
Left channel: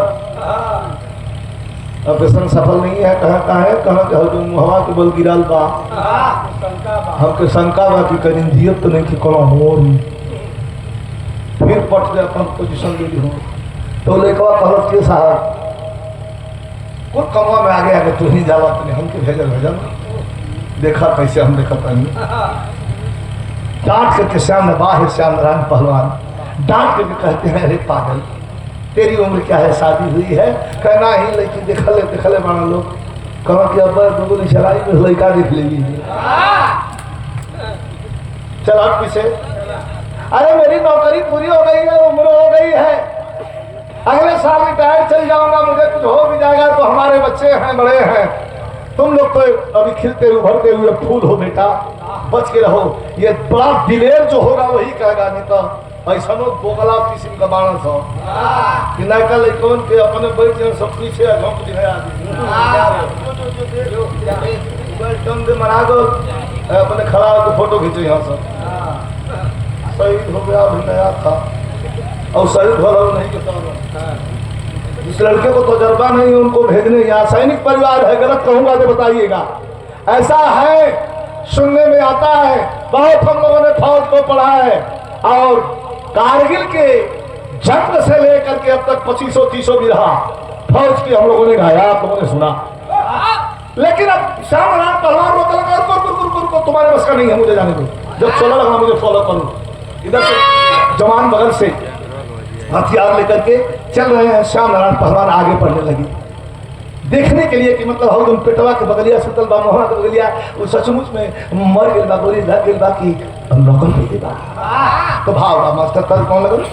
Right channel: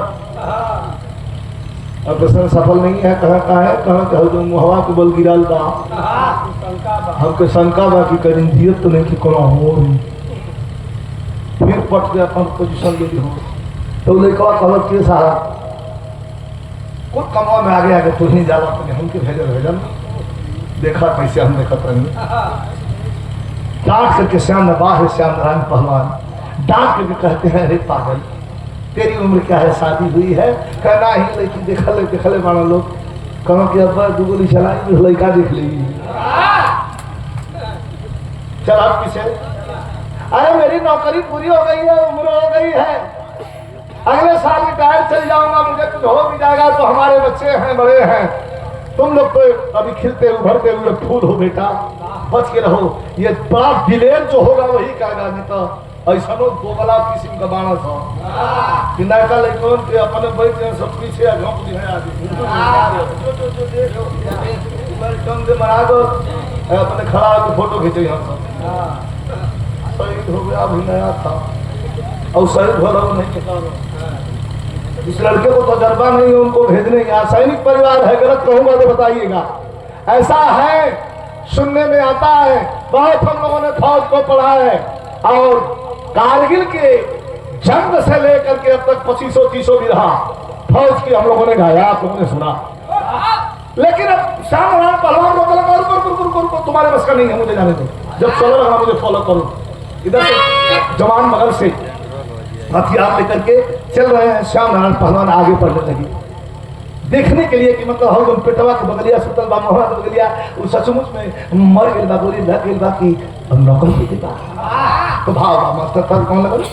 ऑपरेशन सफल नहीं है। कहा जो मुहवा के बल गिरल बा, हमके शंका बा कि कहीं जियत तो नहीं कि करो हो रही। फिर पट के अपन पोजिशन ले ली हो तो लड़का कहस की साहब कुछ कमवा में आगे आगे तुम ही जाला, हमके भेजल देखा कैसे हम देखा कहीं डांट करके श्याम बाह श्याम नारायण पहलवान डांट करके कहते हैं, अरे पागल तेरी उम्र क्या है, शादी हुई है? कहना ही लड़की देखले मानो लोग कहो कि अब दुगुली चलाई लड़का देख लेगी। चल आप पीछे, अरे मेरी नौकरी पूरी हो गई है, उम्र हो गई है, अगले साल रिटायर चल जाऊंगा, मुझे कुछ हो भी जाएगा तो हमारे बच्चे हैं, बड़े हैं, तुम लोग तो अभी खिलते उभरते हुए फूल हो बेटा, बच के रहो। ये बड़ा दिलेर जो होगा वही कहेगा, नहीं तो ऐसा बोगला किस्म का बाणस हो कि लड़का लड़कों के अपने बैठ सब पीछे घोंट है मरा दो, अपने खड़ा होकर फोटो खींचो यहाँ से। शहीद हो गया, अभी नया था और शहीद हो रहा नहीं बता रहा। जिस लड़के को तजर्बा नहीं है उनको भेजने या सैनिक परिवार है, गलत कहूंगा तो बताइएगा। ऐसा है, सुनने में आता है, बहुत हम लोगों ने फौज को पढ़ा है और कारगिल के जंग से लेकर के अब तक 2500-3000 भी रहा फौज की हम लोगों ने गाया, आप लोगों ने सुना। लेकिन अब शामरान पहलवान रोक लगा, तुम्हारे बस का नहीं है, मुझे जाने दो। जब चलो लगा मुझे फॉलो करो। इधर से जवान बगल से हथियार लेकर के चल रहे हैं, श्याम नारायण पहलवान आगे बढ़ने लगे देखने के लिए कि मतलब हम लोग पेटवा के बगलिया सुतल बा, मोहना के बगलिया वो सचमुच में मर गए बा, गोली लग गई बा कि नौकर भी बा। तो भाव बा मास्टर तर कौन लगल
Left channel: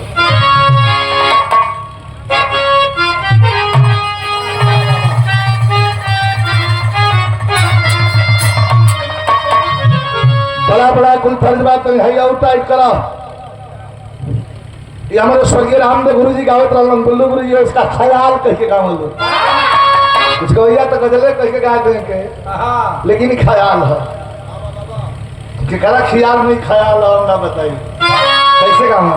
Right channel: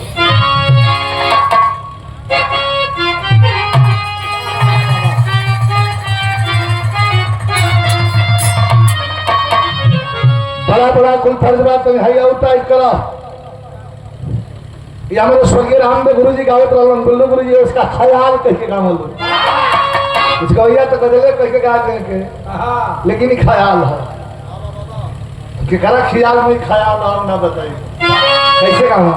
बड़ा बड़ा कुल फर्ज बात है और टाइट करा। ये हमारे स्वर्गीय रामदेव गुरु जी गावत रहलन, गुल्लू गुरु जी उसका ख्याल कह के गावल दो। कुछ गवैया तो गजले कह के गा देंगे, लेकिन ख्याल है कि करा ख्याल नहीं ख्याल और ना बताइए कैसे गाना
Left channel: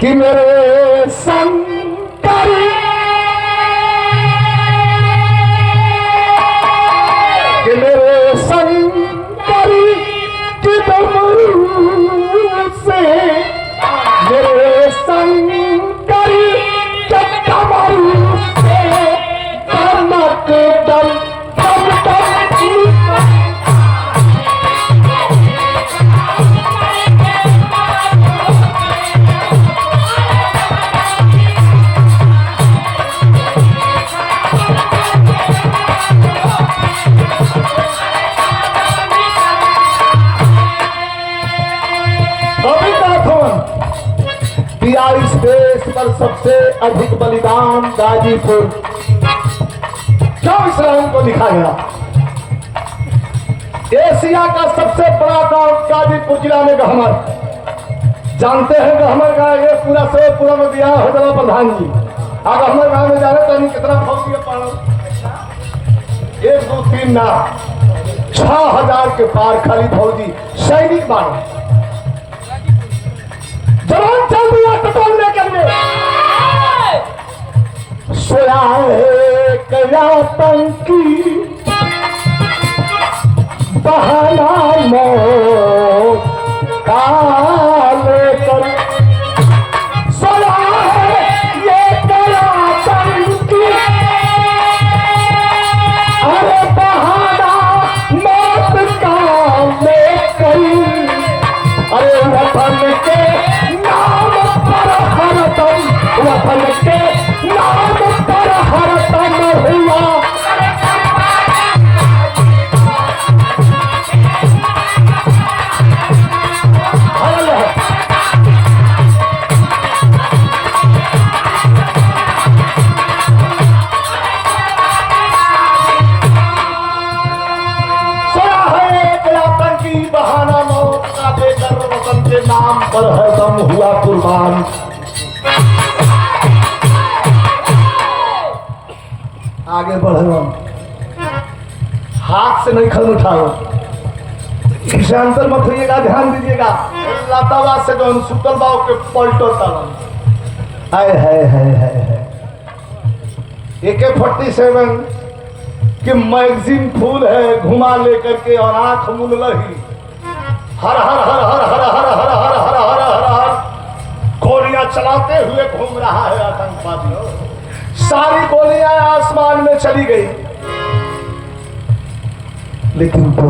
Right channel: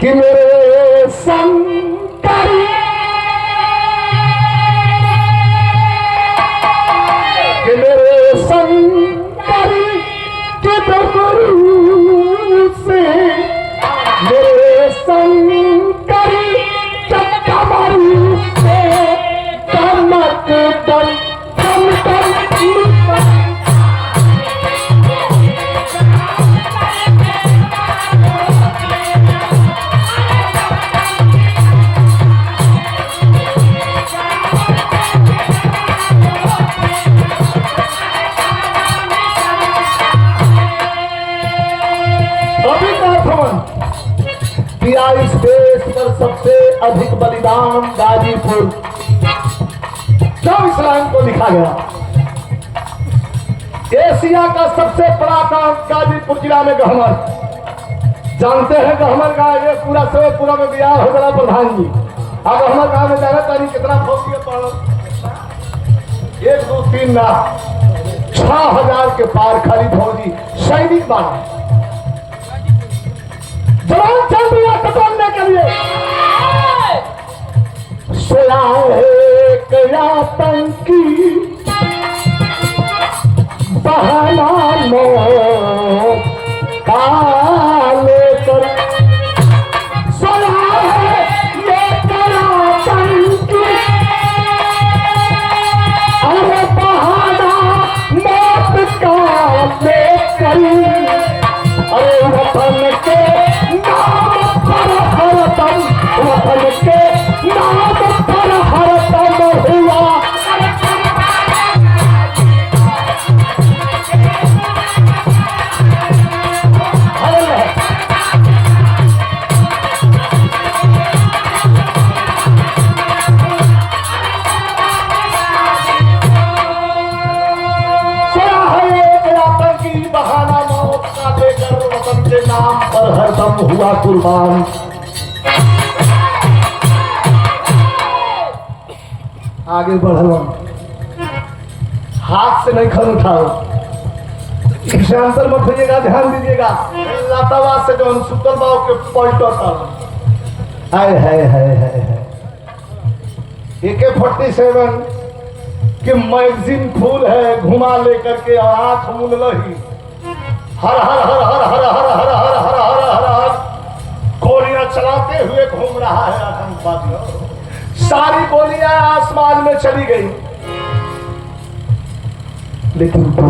कि मेरे शंकर कि मेरे शंकर के डमरू से मेरे शंकर के डमरू से कमट दम इस देश पर सबसे अधिक बलिदान गाजीपुर क्यों इस्लाम को लिखा गया। एशिया का सबसे बड़ा गांव गाजीपुर जिला में गहमर, जानते हैं गहमर का ये पूरा से पूरा में बिहार हो गया प्रधान जी। अब गहमर गांव में जाने तो कितना फौजी पड़ा 1 2 3 ना 6000 के पार खाली फौजी सैनिक माना जवान चल दिया टटोलने के लिए। सोया है कया पंकी बहाना मौत काले कर सोया है ये कया पंकी अरे बहाना मौत काले कर अरे वतन के वतन के नाम पर हरदम हुआ की बहाना मौत का देकर वतन के नाम पर हरदम हुआ कुर्बान। आगे बढ़ो, हाथ से नहीं खन उठाओ, इसे अंतर मत होइएगा, ध्यान दीजिएगा। लातावा से जो सुतल बाव के पलटो ताला आए है AK-47 के मैगजीन फूल है, घुमा लेकर के और आंख मुन लही हर हर हर हर हर हर हर हर हर हर हर हर गोलियां चलाते हुए घूम रहा है आतंकवादी। सारी गोलियां आसमान में चली गई, लेकिन दो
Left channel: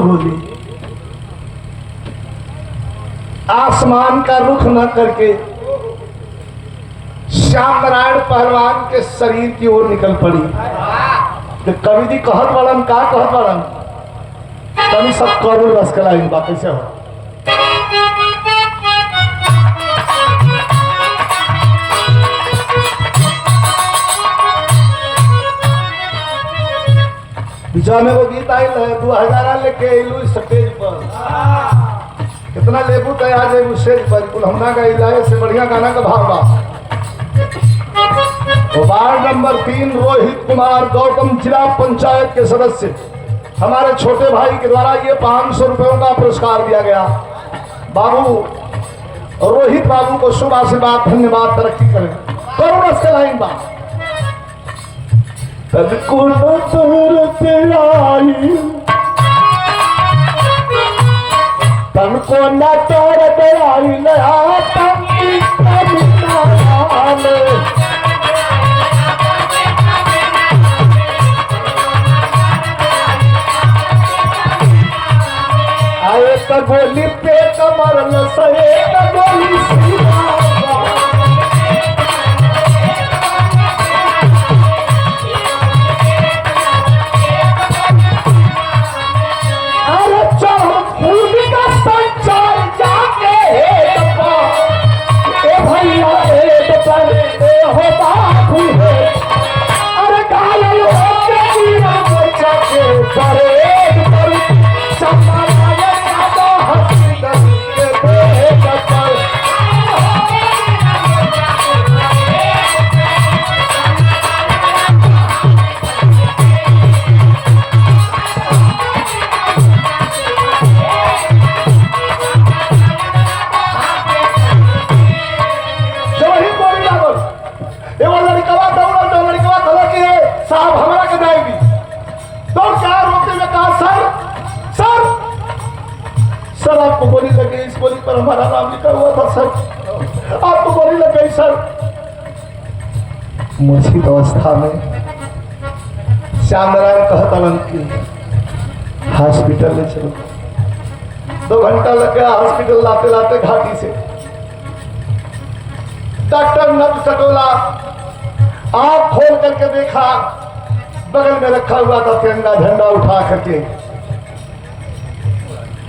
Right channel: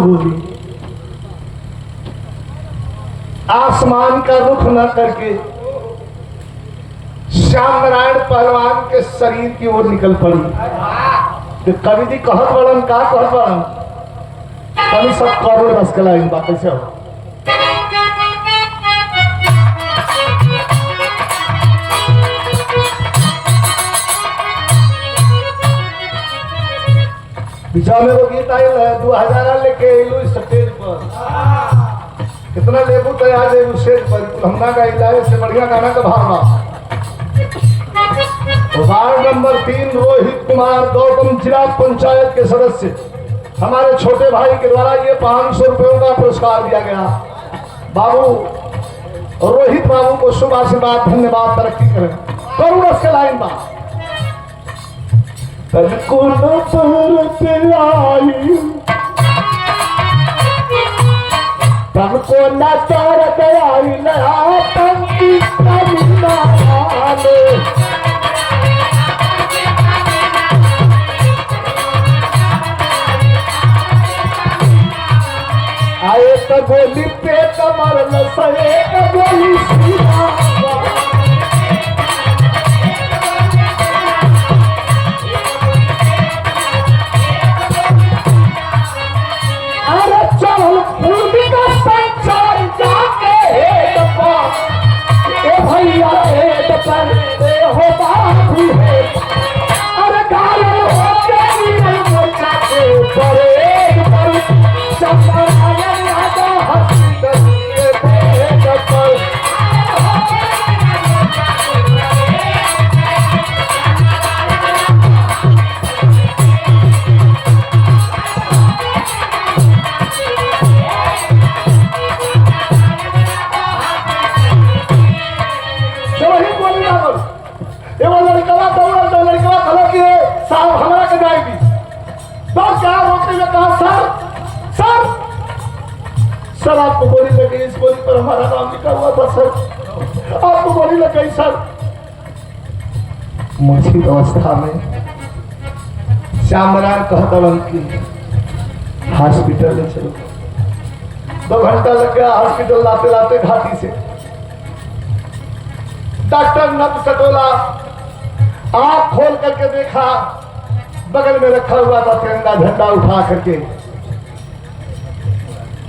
गोली आसमान का रुख न करके श्याम नारायण पहलवान के शरीर की ओर निकल पड़ी। तो कवि जी कहत बड़न का कहत बड़न कवि सब करोड़ रस कला इन बात से हो। बीचा में वो गीत आई 2000 लेके इलू स्टेज पर कितना लेबू तो आ जाए स्टेज पर कुल हमना का इलाज से बढ़िया गाना का भाव वार्ड नंबर 3 रोहित कुमार गौतम जिला पंचायत के सदस्य हमारे छोटे भाई के द्वारा ये 500 रुपयों का पुरस्कार दिया गया। बाबू रोहित बाबू को शुभ आशीर्वाद, धन्यवाद, तरक्की करें। कौन उसके लाइन बा तनको न तरते आई, तनको न तरते आई नया पंक्ति कमिना आले। आए गोली पे कमर लसरे गोली सीधा। अरे चल फूल का संचार जाके डब्बा ए भैया ए डब्बा हो बाबू है। अरे घायल हो गई मोर्चा के परेड पर चंपा साहब हमारा के जाएगी तो क्या रोते हुए कहा सर सर सर आपको गोली लग गई, इस गोली पर हमारा नाम लिखा हुआ था सर, आपको गोली लग गई सर। मूर्छित अवस्था में श्यामराय कहता कि हॉस्पिटल में चलो। 2 घंटा लग गया हॉस्पिटल लाते लाते घाटी से। डॉक्टर नब कटोला आंख खोल करके देखा, बगल में रखा हुआ था तिरंगा झंडा उठा करके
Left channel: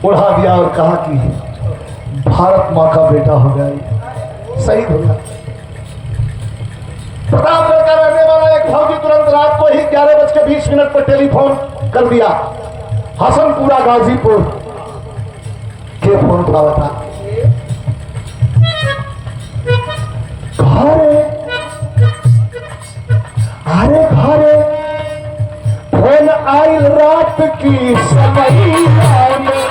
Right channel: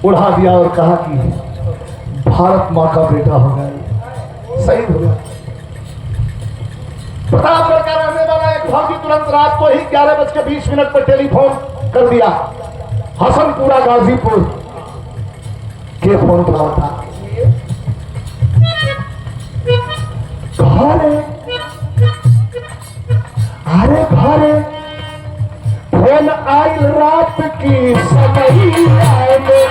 उड़ा दिया और कहा कि भारत मां का बेटा हो गया, शहीद हो गया। प्रतापगढ़ का रहने वाला एक फौजी तुरंत रात को ही 11:20 पर टेलीफोन कर दिया। हसनपुरा गाजीपुर के फोन उठावा था। घरे अरे घरे फोन आई रात की समैया में।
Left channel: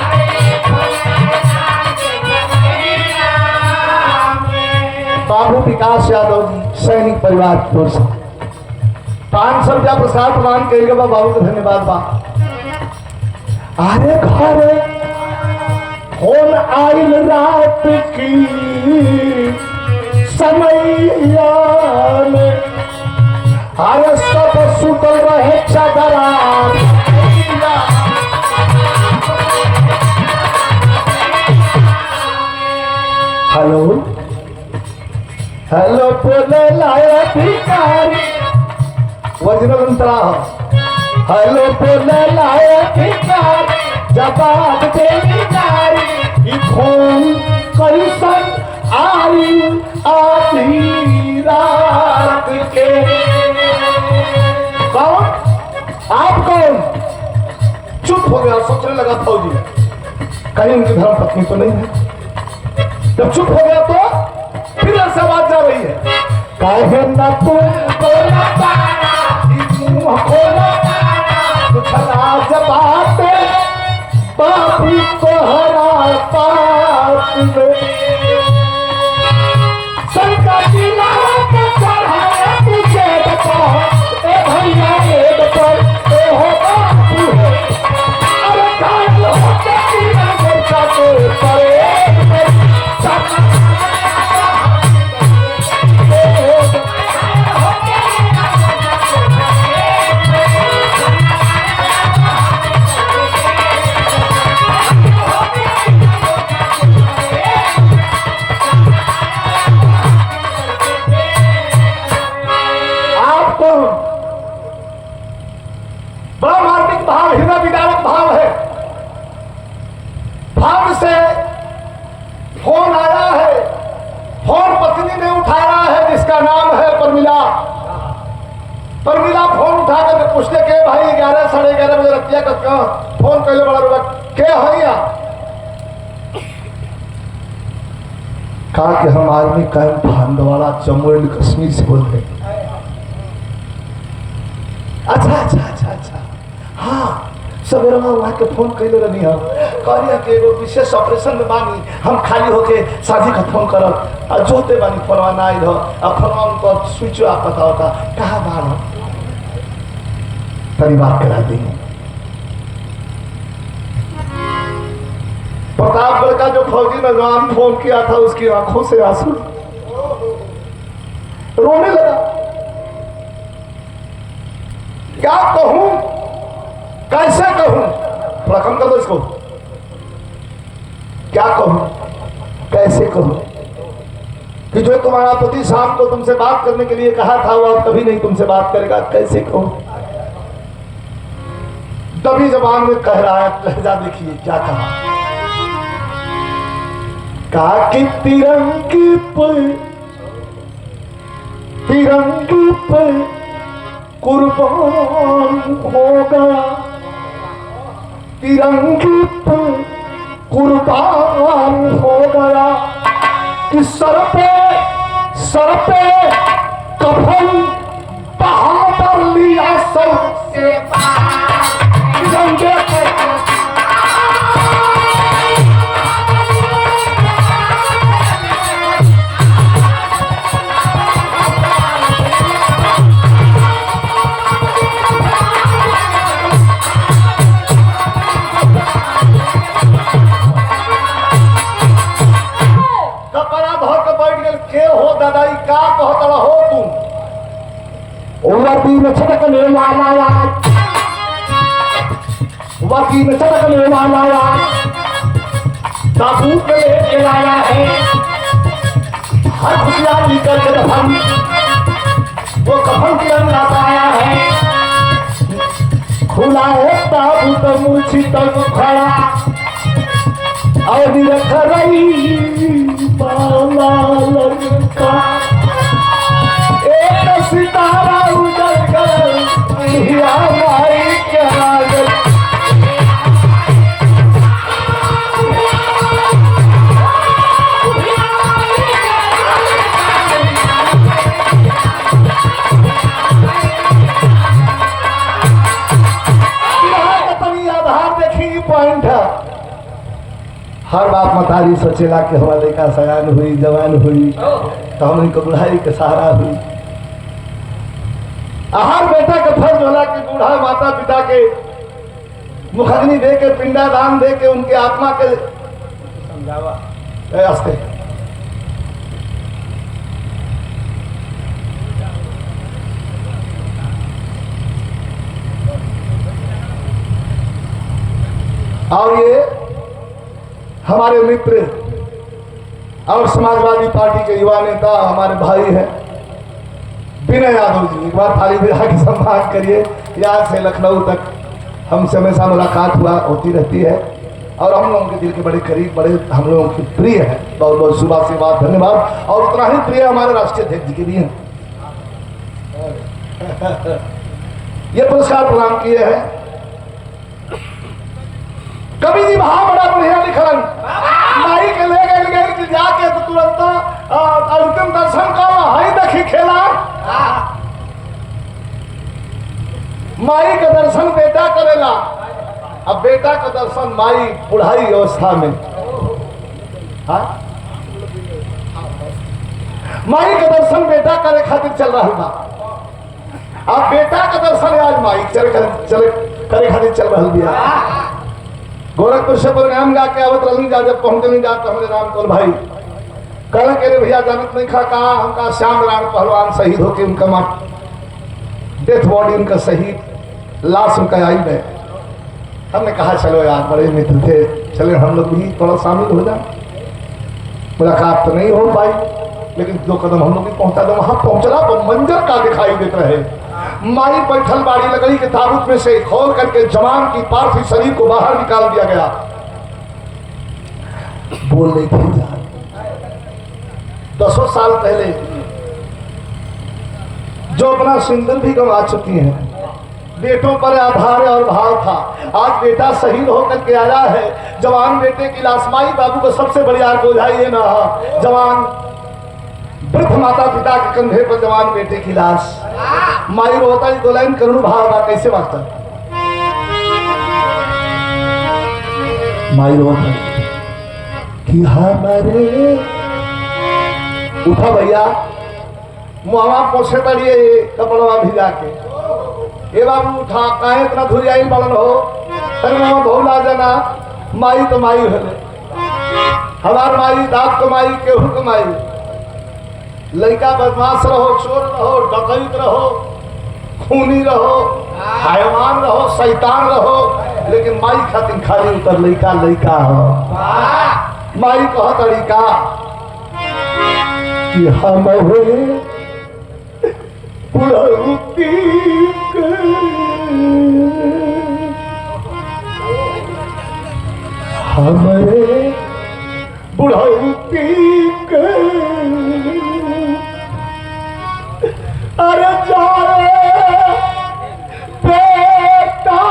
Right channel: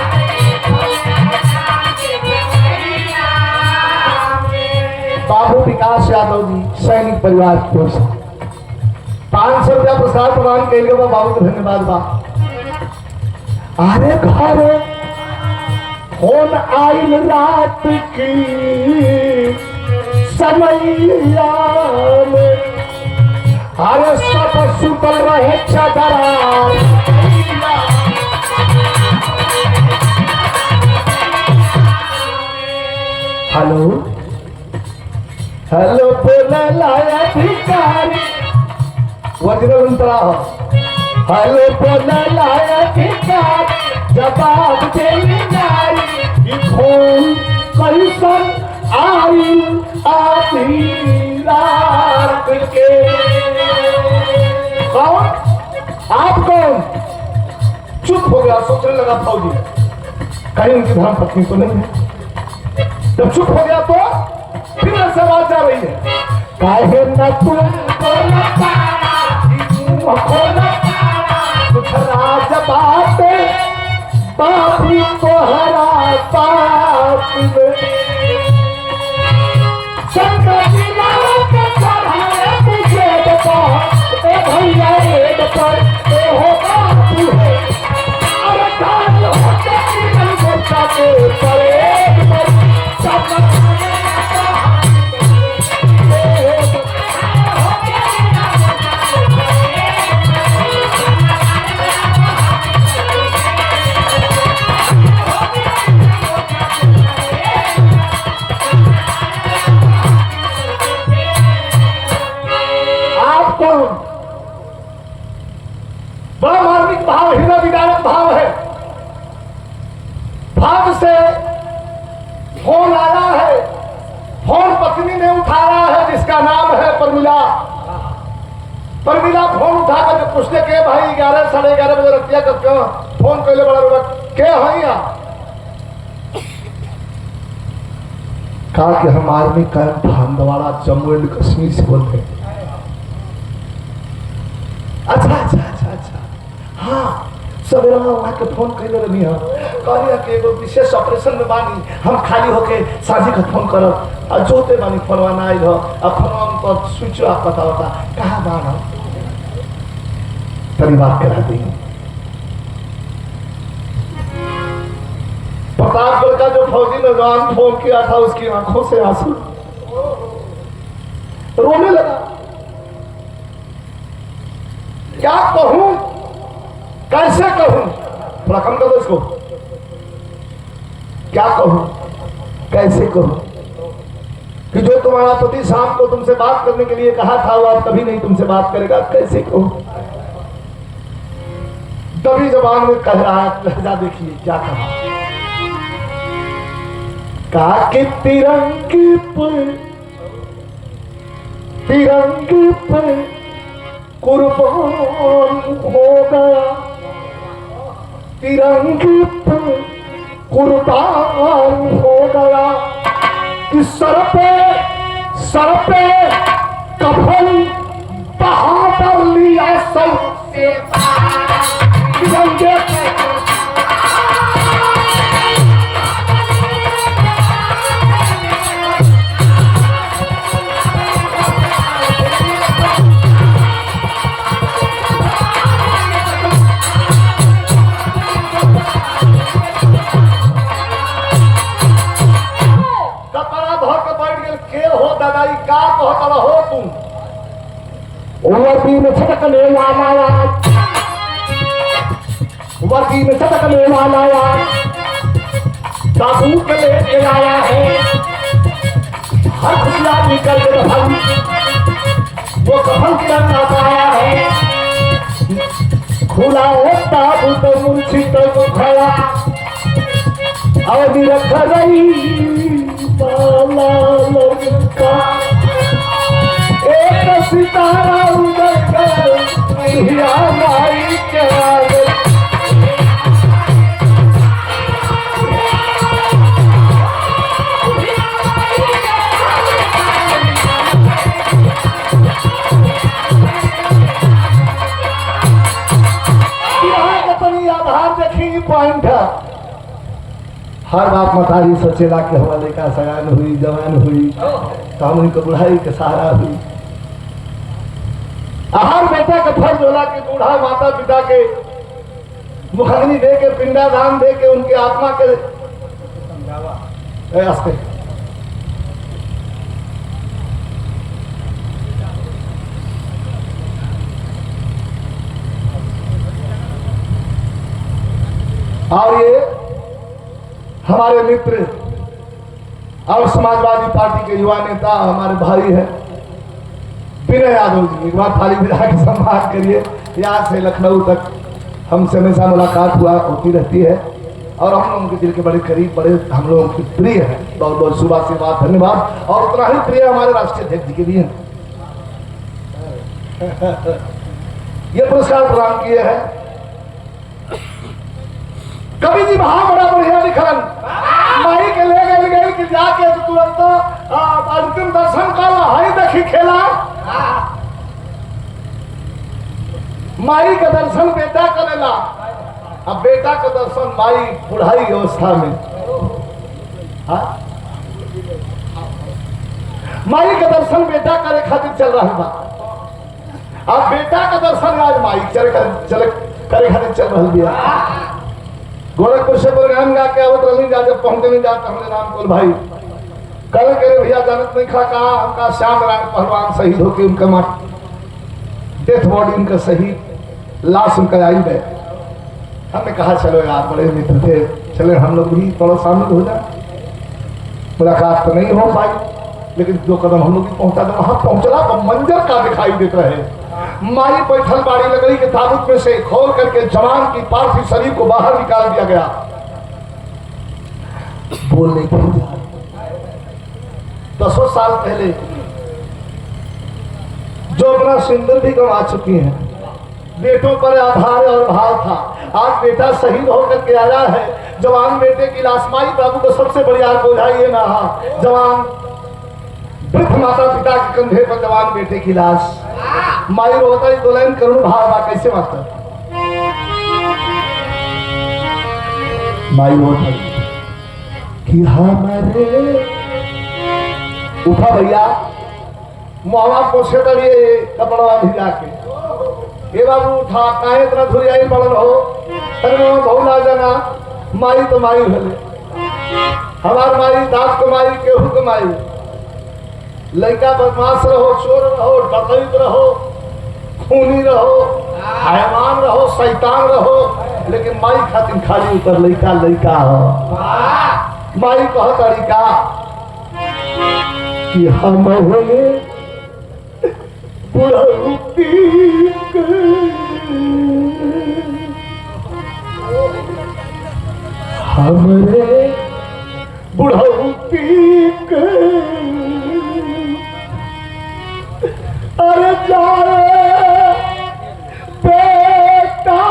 बाबू विकास यादव जी सैनिक परिवार की ओर से 500 रुपया पुरस्कार प्रदान करेंगे। बाबू को धन्यवाद बा। अरे घरे फोन आई रात की समैया में। अरे सब सुतल रहे चदरा। हेलो हेलो बोले लाए भिखारी वज्र अंतरा। हेलो बोले लाए भिखारी जवाब देली नारी। फोन कैसन आई आधी रात के। कौन आप कौन? चुप हो गया, सोचने लगा फौजी कहीं उनकी धर्म पत्नी तो नहीं है। जब चुप हो गया तो फिर ऐसे आवाज जा रही है, काहे ना जवाब बापू को हरा पाप में। सरकारी के पढ़ा तुझे बता ए भैया ए बता ए हो बापू है। अरे काल होता के परे बड़ा मार्मिक भाव, हृदय विदारक भाव है। भाव से फोन आया है, फोन पत्नी ने उठाया है जिसका नाम है परमिला। परमिला फोन उठा कर पूछते के भाई 11 साढ़े 11 बजे रतिया का क्यों फोन पहले बड़ा रुका क्या है या कहा कि हम army camp Handwara Jammu and Kashmir से बोलते हैं। अच्छा अच्छा अच्छा अच्छा हाँ सवेरे वहाँ के फोन कैले रही हम कहलिए कि एगो विशेष ऑपरेशन में बानी हम खाली होके साझी का फोन करब और जोते बानी फोनवा ना आइल हो और फोनवा तो स्विच ऑफ पता होता कहाँ बार हो तरी बात करा दी। प्रतापगढ़ का जो फौजी नौजवान फोन किया था उसकी आंखों से आंसू रोने लगा। क्या कहूं कैसे कहूं रकम कर दो इसको क्या कहूं कैसे कहूं कि जो तुम्हारा पति शाम को तुमसे बात करने के लिए कहा था वो अब कभी नहीं तुमसे बात करेगा कैसे कहूं। तभी जबान में कह रहा है लहजा देखिए क्या कहा कि तिरंगी पे कुर्बान होगा तिरंगी पे कुर्बान हो गया कि सर पे कफन बहादुर लिया सबसे तिरंगे पे वर्दी में छटकने वाला ताबूत लेके आया है हर खुशियाँ निकल के कफन वो कफन के अंदर पाया है खुला है ताबूत ऊंची तक खड़ा और रख रही माला लड़का एक सितारा उधर कर हिया भाई क्या हर बात मतारी सोचेला कि हमारा लड़का सयान हुई जवान हुई तो हम इनको बुढ़ाई के सहारा हुई। हर बेटा का फर्ज होला कि बूढ़ा माता पिता के मुखग्नि दे के पिंडादान दे के उनके आत्मा के समझावा रास्ते और ये हमारे मित्र और समाजवादी पार्टी के युवा नेता हमारे भाई हैं विनय यादव जी एक बार थाली बिठा के सम्मान करिए। यहाँ से लखनऊ तक हमसे हमेशा मुलाकात हुआ होती रहती है और हम लोगों के दिल के बड़े करीब बड़े हम लोगों के प्रिय हैं। बहुत बहुत शुभ आशीर्वाद धन्यवाद और उतना ही प्रिय हमारे राष्ट्रीय अध्यक्ष जी के भी हैं। ये पुरस्कार प्रदान किए हैं कवि जी भाव बड़ा बढ़िया लिखन माई के ले गई कि जाके तो तुरंत अंतिम दर्शन कर हई देखी खेला माई का दर्शन बेटा करेला अब बेटा का दर्शन माई बुढ़ाई अवस्था में माई का दर्शन बेटा करे खातिर चल रहा था अब बेटा का दर्शन आज माई करे खातिर चल रहा दिया। गोरखपुर से प्रोग्राम गा के आवत रही जा जब पहुंचे नहीं जाता हमने राम कर भाई कल के भैया जानत नहीं खा कहा हमका श्याम राम पहलवान शहीद होके उनका मां डेथ बॉडी उनका शहीद लाश उनका आई है। हमने कहा चलो यार बड़े मित्र थे चले हम लोग भी थोड़ा शामिल हो जाए। मुलाकात तो नहीं हो पाई लेकिन दो कदम हम लोग भी पहुंचा था वहां पहुंचना तो मंजर का दिखाई देता है। मारी पैथल बाड़ी लगई के ताबूत में से खोल करके जवान की पार्थिव शरीर को बाहर निकाल दिया गया। बोल नहीं थी 10 साल पहले जो अपना सिंदूर भी गंवा चुकी हैं बेटों पर आधार और भाव था। आज बेटा शहीद होकर के आया है जवान बेटे की लाश माई बाबू को सबसे बड़ी आग बुझाइए ना जवान वृद्ध माता पिता के कंधे पर जवान बेटे की लाश माई रोता ही दोलन करुण भाव कैसे मास्टर माई रोड पर कि हमारे उठा भैया मुहवा पोछे तड़िए कपड़वा भिजा के ए बाबू उठा काहे इतना धुरियाई पड़ल हो तन्ना धौला जना माई तो माई भले हमार माई दाप तो माई केहू के माई लड़का बदमाश रहो चोर रहो डकैत रहो खूनी रहो हैवान रहो शैतान रहो लेकिन माई खातिर खाली उतर लड़का लड़का हो माई कह तरीका कि हमारे बुढ़ौती हमारे बुढ़ौती अरे जाए बेटा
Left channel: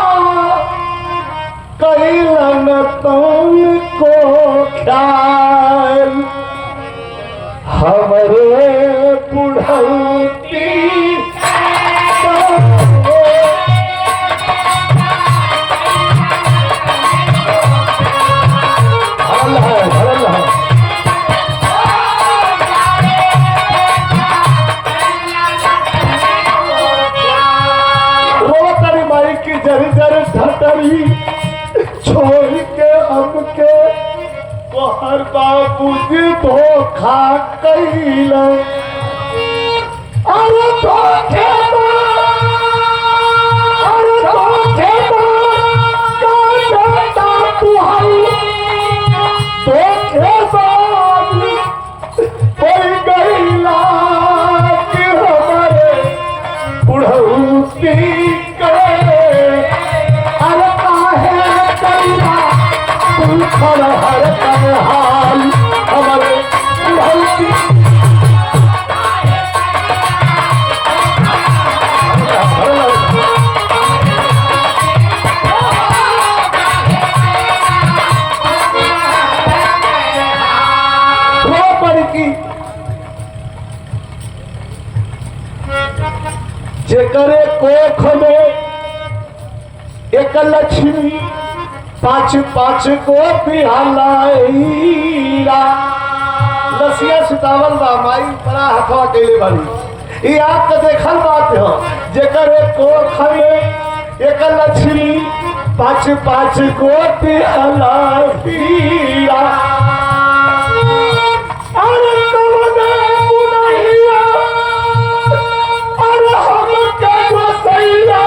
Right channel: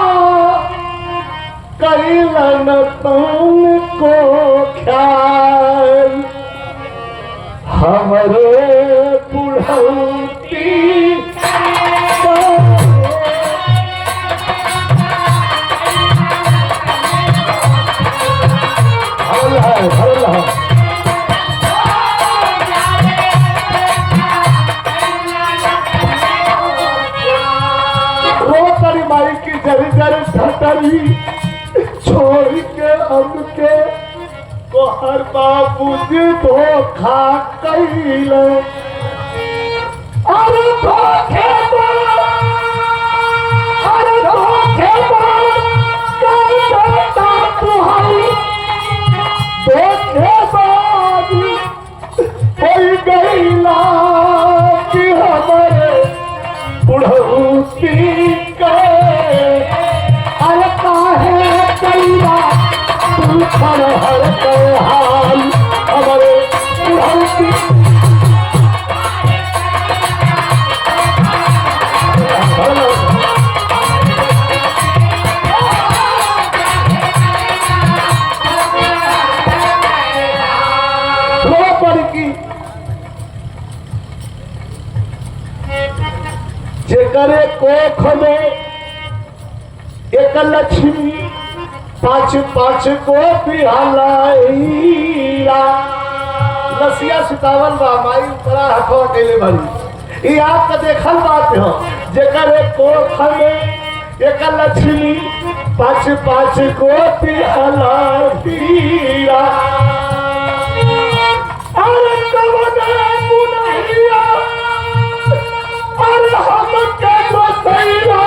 कैलन तुमको ख्याल हमारे बुढ़ौती जर ढटरी छोड़ के अब के तोहर बाबूजी धोखा कैला अरे गैला कि हमारे बुढ़ौती हर हाल हमारे की जेकरे कोख में एक लक्ष्मी पाँच पाँच को पिहालाइया लसिया सुतावल बा माई बड़ा हथवा केले बाड़ी ई आप का देखल बात हो जेकर को खरे एक लक्ष्मी पाँच पाँच को पिहालाइया अरे तवने मुनहिया अरे हम के रसैया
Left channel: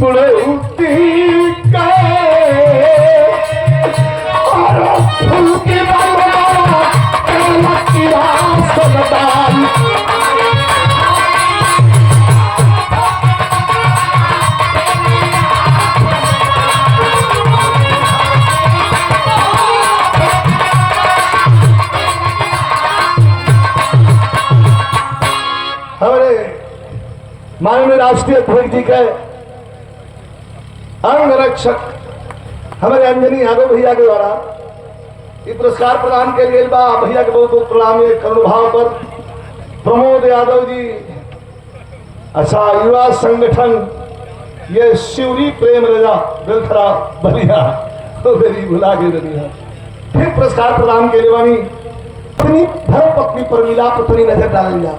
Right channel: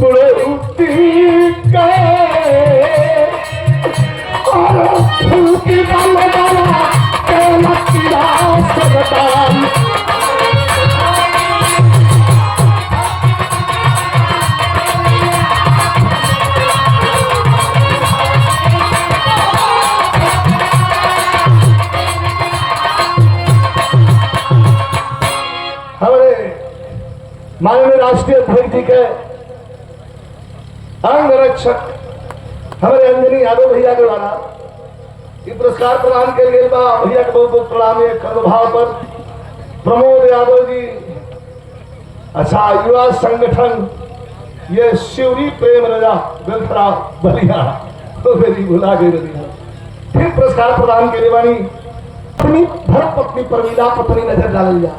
बुढ़ौती हमारे माननीय राष्ट्रीय अध्यक्ष जी के अंग रक्षक हमारे अंजनी यादव भैया के द्वारा ये पुरस्कार प्रदान के लिए बा भैया के बहुत बहुत प्रणाम एक अनुभाव पर प्रमोद यादव जी अच्छा युवा संगठन ये शिवरी प्रेम रजा गलखरा बलिया तो मेरी भुला गई रही है फिर पुरस्कार प्रदान के लिए बानी अपनी धर्म पत्नी पर नीला पत्नी नजर डाल लिया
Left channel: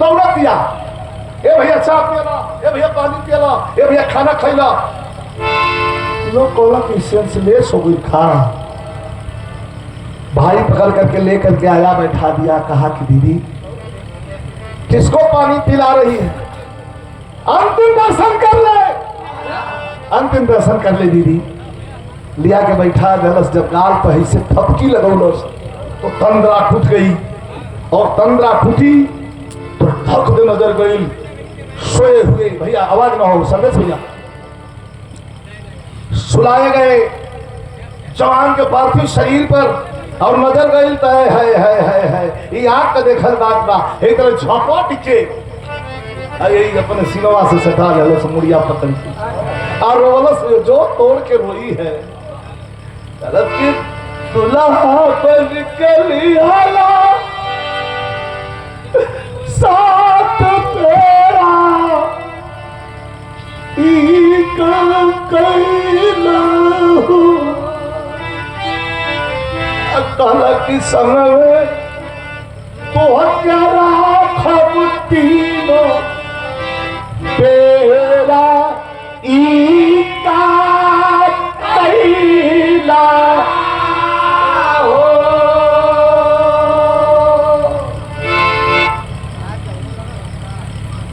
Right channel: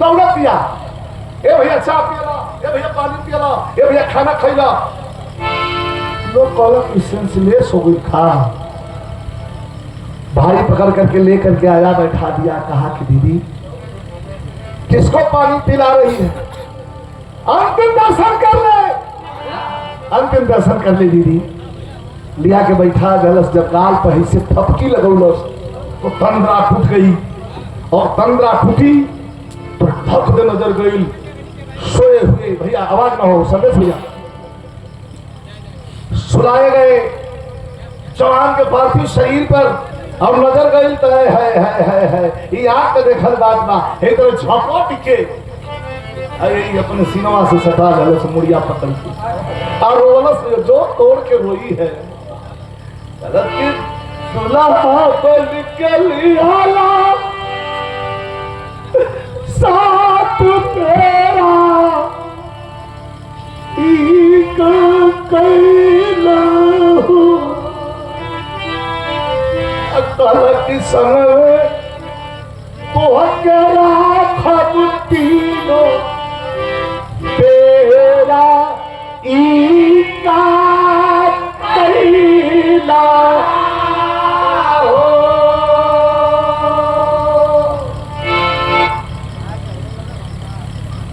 दौलत दिया ए भैया चाय पियला ए भैया पानी पियला ए भैया खाना खैला लोग कहला कि सेंसलेस हो गई खा भारी पकड़ करके लेकर के आया बैठा दिया कहा कि दीदी किसको पानी पिला रही है अंतिम दर्शन कर ले अंतिम दर्शन कर ले दीदी लिया के बैठा गलस जब गाल पर से थपकी लगौलस तो तंद्रा फूट गई और तंद्रा फूटी तो धक दे नजर गई सोए हुए भैया आवाज ना हो संदेश भैया सुलाए गए जवान के पार्थिव शरीर पर और नजर गई तो है ये आग का देखल बात बा एक तरह झोंका टिके अरे अपने सिनेमा से सटा ले लो मुड़िया पकड़ के और रोलस जो तोड़ के रोई है के दुल्हा बन के लिया साथ मेरा कहला कि समय तो हजारा खब तीनों तेरा ईका कैला हो।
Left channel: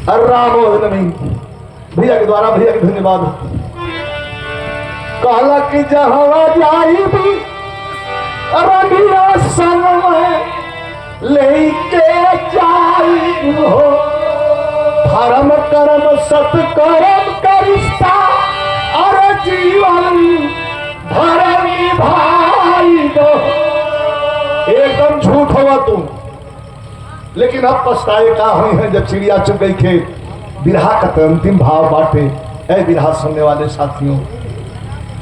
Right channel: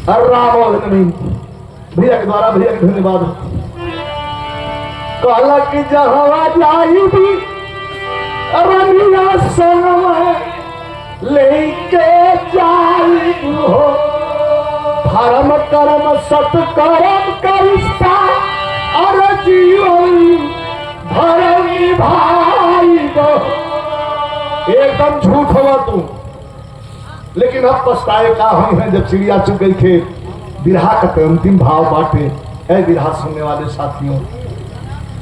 राम नवीन भैया के द्वारा, भैया के धन्यवाद। कहला कि जहाँ जाई भी रबिया समय लेके जाई हो, धर्म कर्म सत्कर्म करिष्ठा और जीवन धर्म भाई हो। एकदम झूठ हुआ तू, लेकिन अब पछताए का हुई है जब चिड़िया चुग गई खेत। बिरहा का तो अंतिम भाव बाटे। ऐ बिरहा सुनने वाले साथियों,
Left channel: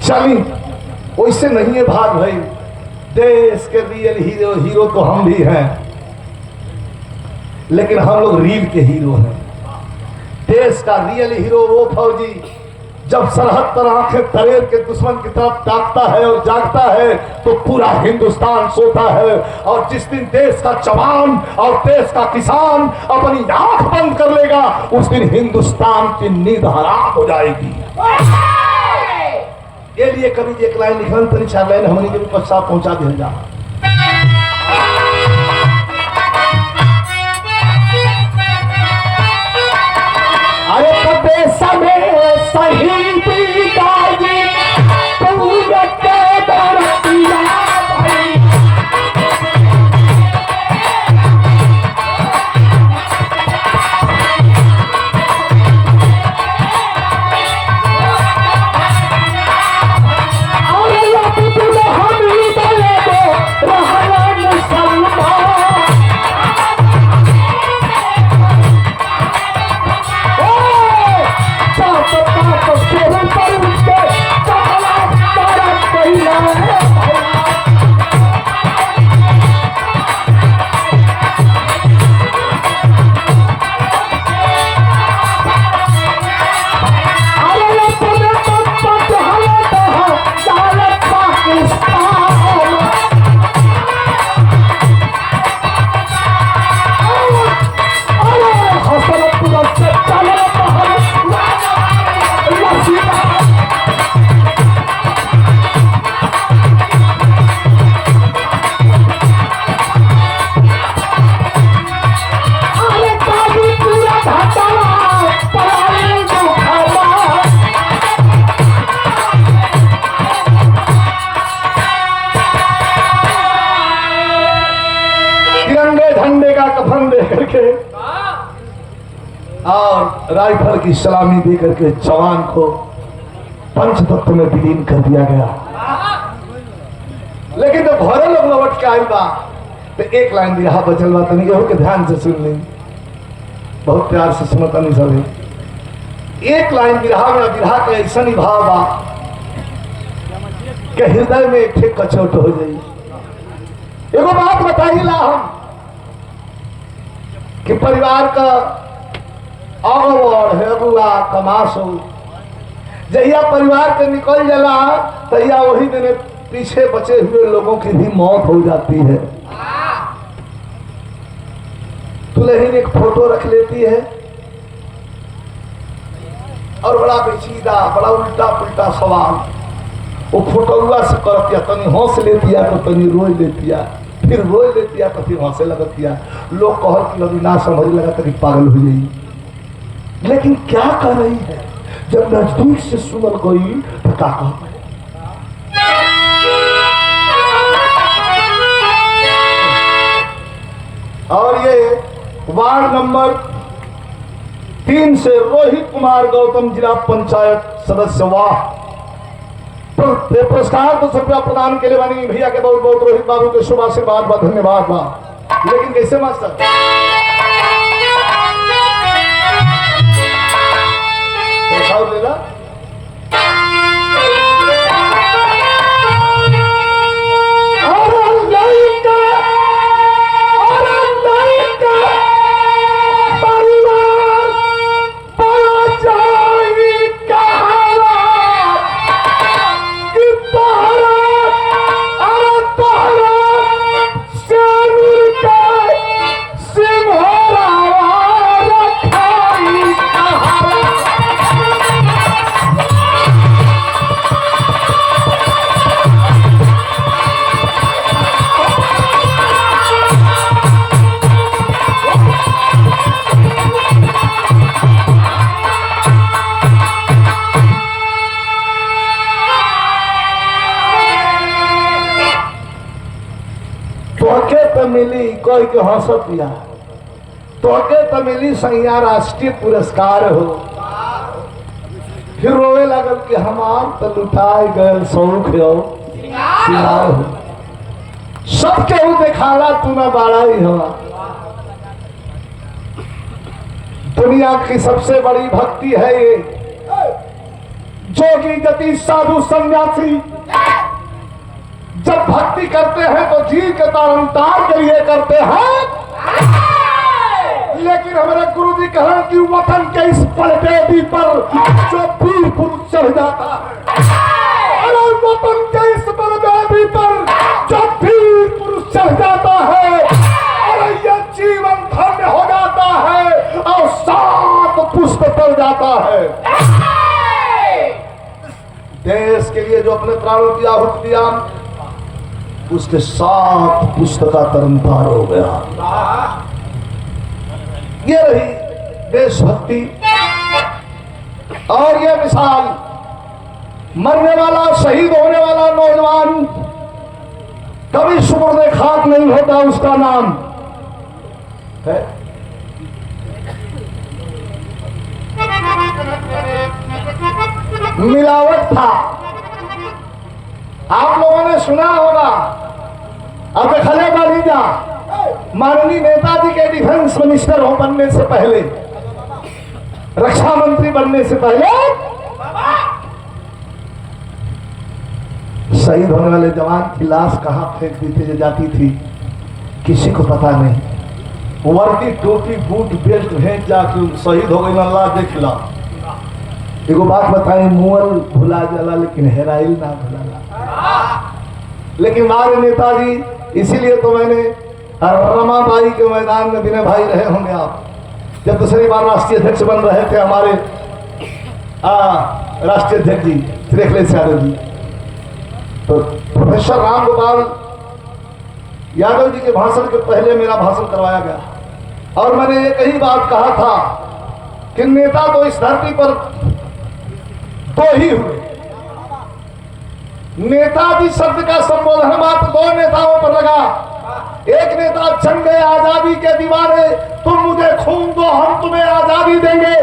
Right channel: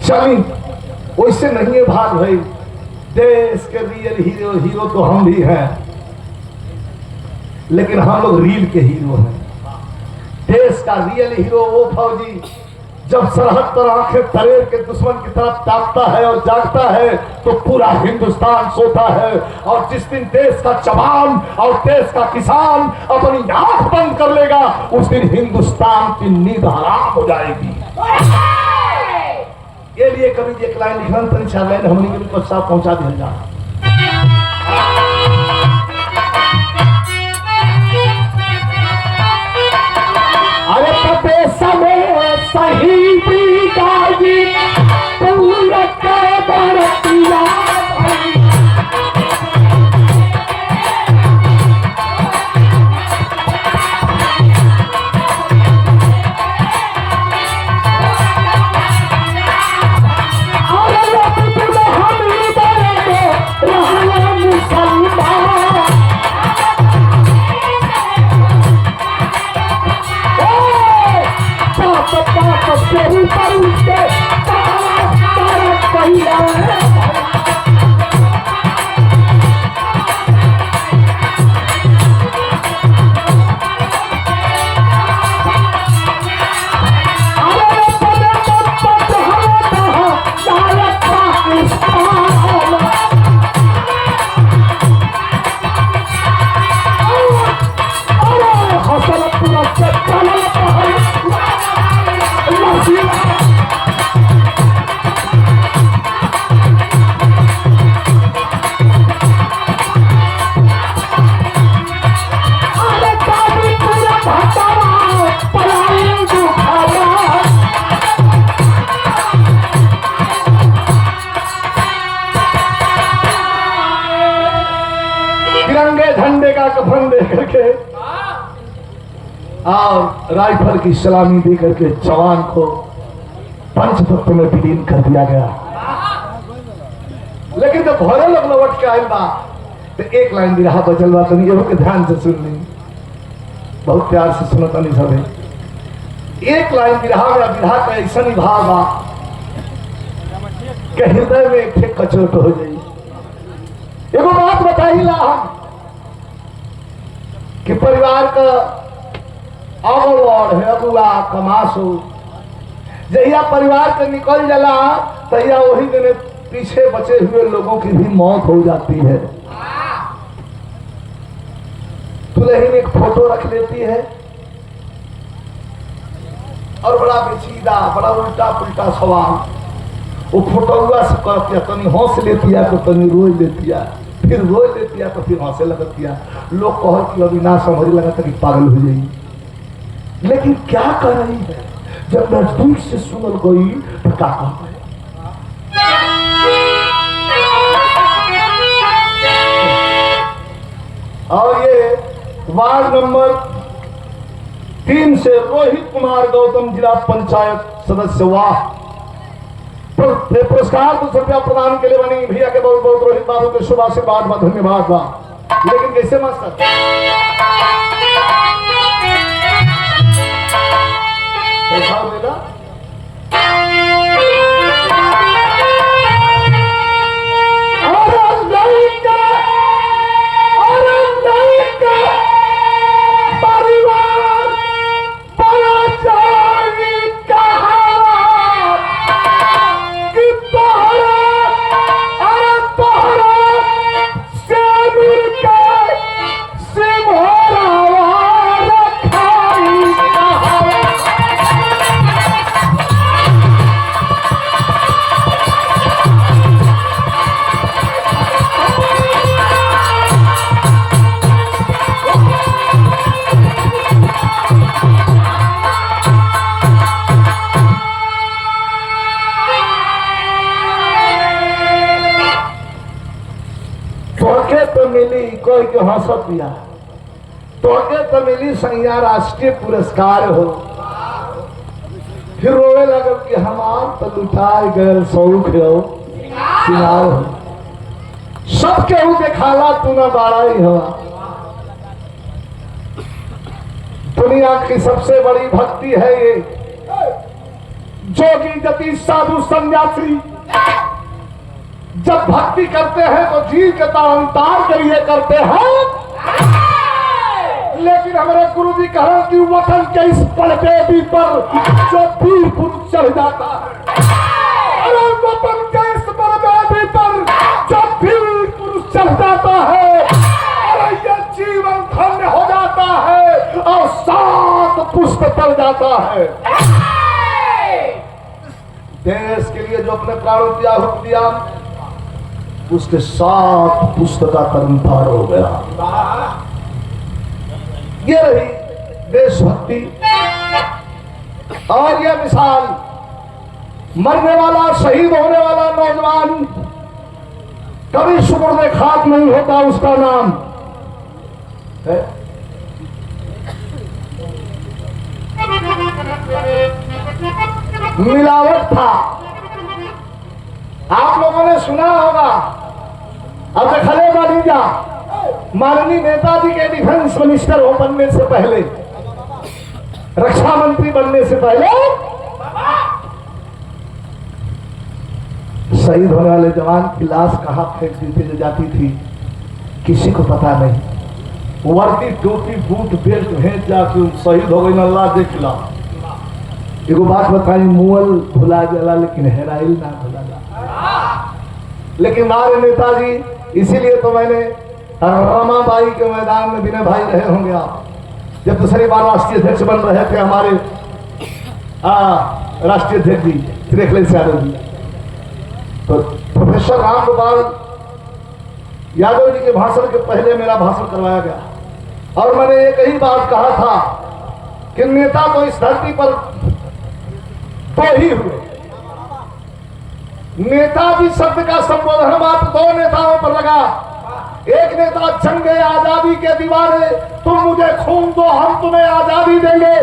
चली वैसे नहीं है भाग भाई। देश के रियल हीरो तो हम भी हैं, लेकिन हम लोग रील के हीरो हैं। देश का रियल हीरो वो फौजी जब सरहद पर आंखें तरेर के दुश्मन की तरफ ताकता है और जागता है तो पूरा हिंदुस्तान सोता है। और जिस दिन देश का जवान और देश का किसान अपनी आंख बंद कर लेगा, उस दिन हिंदुस्तान की नींद हराम हो जाएगी। ये लिए कभी एक लाइन लिखन परीक्षा लाइन हमने के साथ पहुंचा दिया जा। अरे पते समय सही गाजी पूरा के दरतिया भाई। और राइफल की सलामी देकर के जवान को पंचतत्व में विलीन कर दिया गया। लेकिन जब घरे लोग लौट के आए बा तो एक लाइन भी रहा बचल बा, तनी के ध्यान से सुन ली, बहुत प्यार से सुनता नहीं सब। एक लाइन बिरहा में बिरहा का ऐसा नहीं भाव बा कि हृदय में एक कचोट हो जाई। एगो बात बताई ला हम कि परिवार का अगवाड़ है, अगुआ कमास हो, जहिया परिवार के निकल जाला तहिया वही दिन पीछे बचे हुए लोगों की भी मौत हो जाती है। दुल्हन एक फोटो रख लेती है और बड़ा बेचीदा, बड़ा उल्टा पुल्टा सवाल वो फोटोआ से करती है। तनी हंस लेती है तो तनी रोज लेती है, फिर रोज लेती है तो फिर हंसे लगती है। लोग कहत कि अभी ना समझ लगा तो पागल हो जाएगी। लेकिन क्या कर रही है जब नजदीक से सुनल गई तो क्या कहते हैं। और ये वार्ड नंबर 3 से रोहित कुमार गौतम जिला पंचायत सदस्य, वाह, पुरस्कार 200 रुपया प्रदान के लिए बनी भैया के बहुत बहुत रोहित बाबू के शुभ आशीर्वाद बा, धन्यवाद बा। लेकिन कैसे मास्टर दिखाओ देगा। तो मिली कोई के हंसत या तोके तो मिली सैया राष्ट्रीय पुरस्कार हो। फिर रोए लगल कि हमार तो लुटाए गए शौक हो सिंगार हो। सबके ऊ देखाला तू न बाड़ा ही हो। दुनिया की सबसे बड़ी भक्ति है ये। जोगी जति साधु सन्यासी जब भक्ति करते हैं तो जी के तारनतार के लिए करते हैं। लेकिन हमारे गुरु जी कहा कि वतन के इस पलटेदी पर जो वीर पुरुष चढ़ जाता है, अरे वतन के इस पलटेदी पर जो वीर पुरुष चढ़ जाता है, अरे ये जीवन धन्य हो जाता है और 7 पुष्प चढ़ जाता है। देश के लिए जो अपने प्राणों की आहुति दिया उसके 7 पुष्प का कर्म पार हो गया। ये रही देशभक्ति। और ये मिसाल मरने वाला शहीद होने वाला नौजवान कभी सुपुर्द खाक नहीं होता, उसका नाम है मिलावट था। आप लोगों ने सुना होगा और देखले बालीजा माननीय नेताजी के डिफेंस मिनिस्टर हो बनने से पहले, रक्षा मंत्री बनने से पहले शहीद होने वाले जवान की लाश कहां फेंक दी जाती थी किसी को पता नहीं। वर्दी टोपी बूट बेल्ट भेज जाके शहीद हो गई। अल्लाह देख ला। एगो बात बताई, मुअल भुला जाला लेकिन हेराइल ना भुला। लेकिन हमारे नेताजी, इसीलिए तो मैंने रमाबाई के मैदान में विनय भाई रहे होंगे आप, जब दूसरी बार राष्ट्रीय अध्यक्ष बन रहे थे हमारे राष्ट्रीय अध्यक्ष जी त्रिखलेश यादव जी, तो प्रोफेसर राम गोपाल यादव जी के भाषण के पहले मेरा भाषण करवाया गया और मैंने एक ही बात कहा था कि नेता तो इस धरती पर 2 ही हुए। नेताजी शब्द का संबोधन मात्र 2 नेताओं पर लगा। एक नेता जंग आजादी के दीवाने, तुम मुझे खून दो हम तुम्हें आजादी देंगे।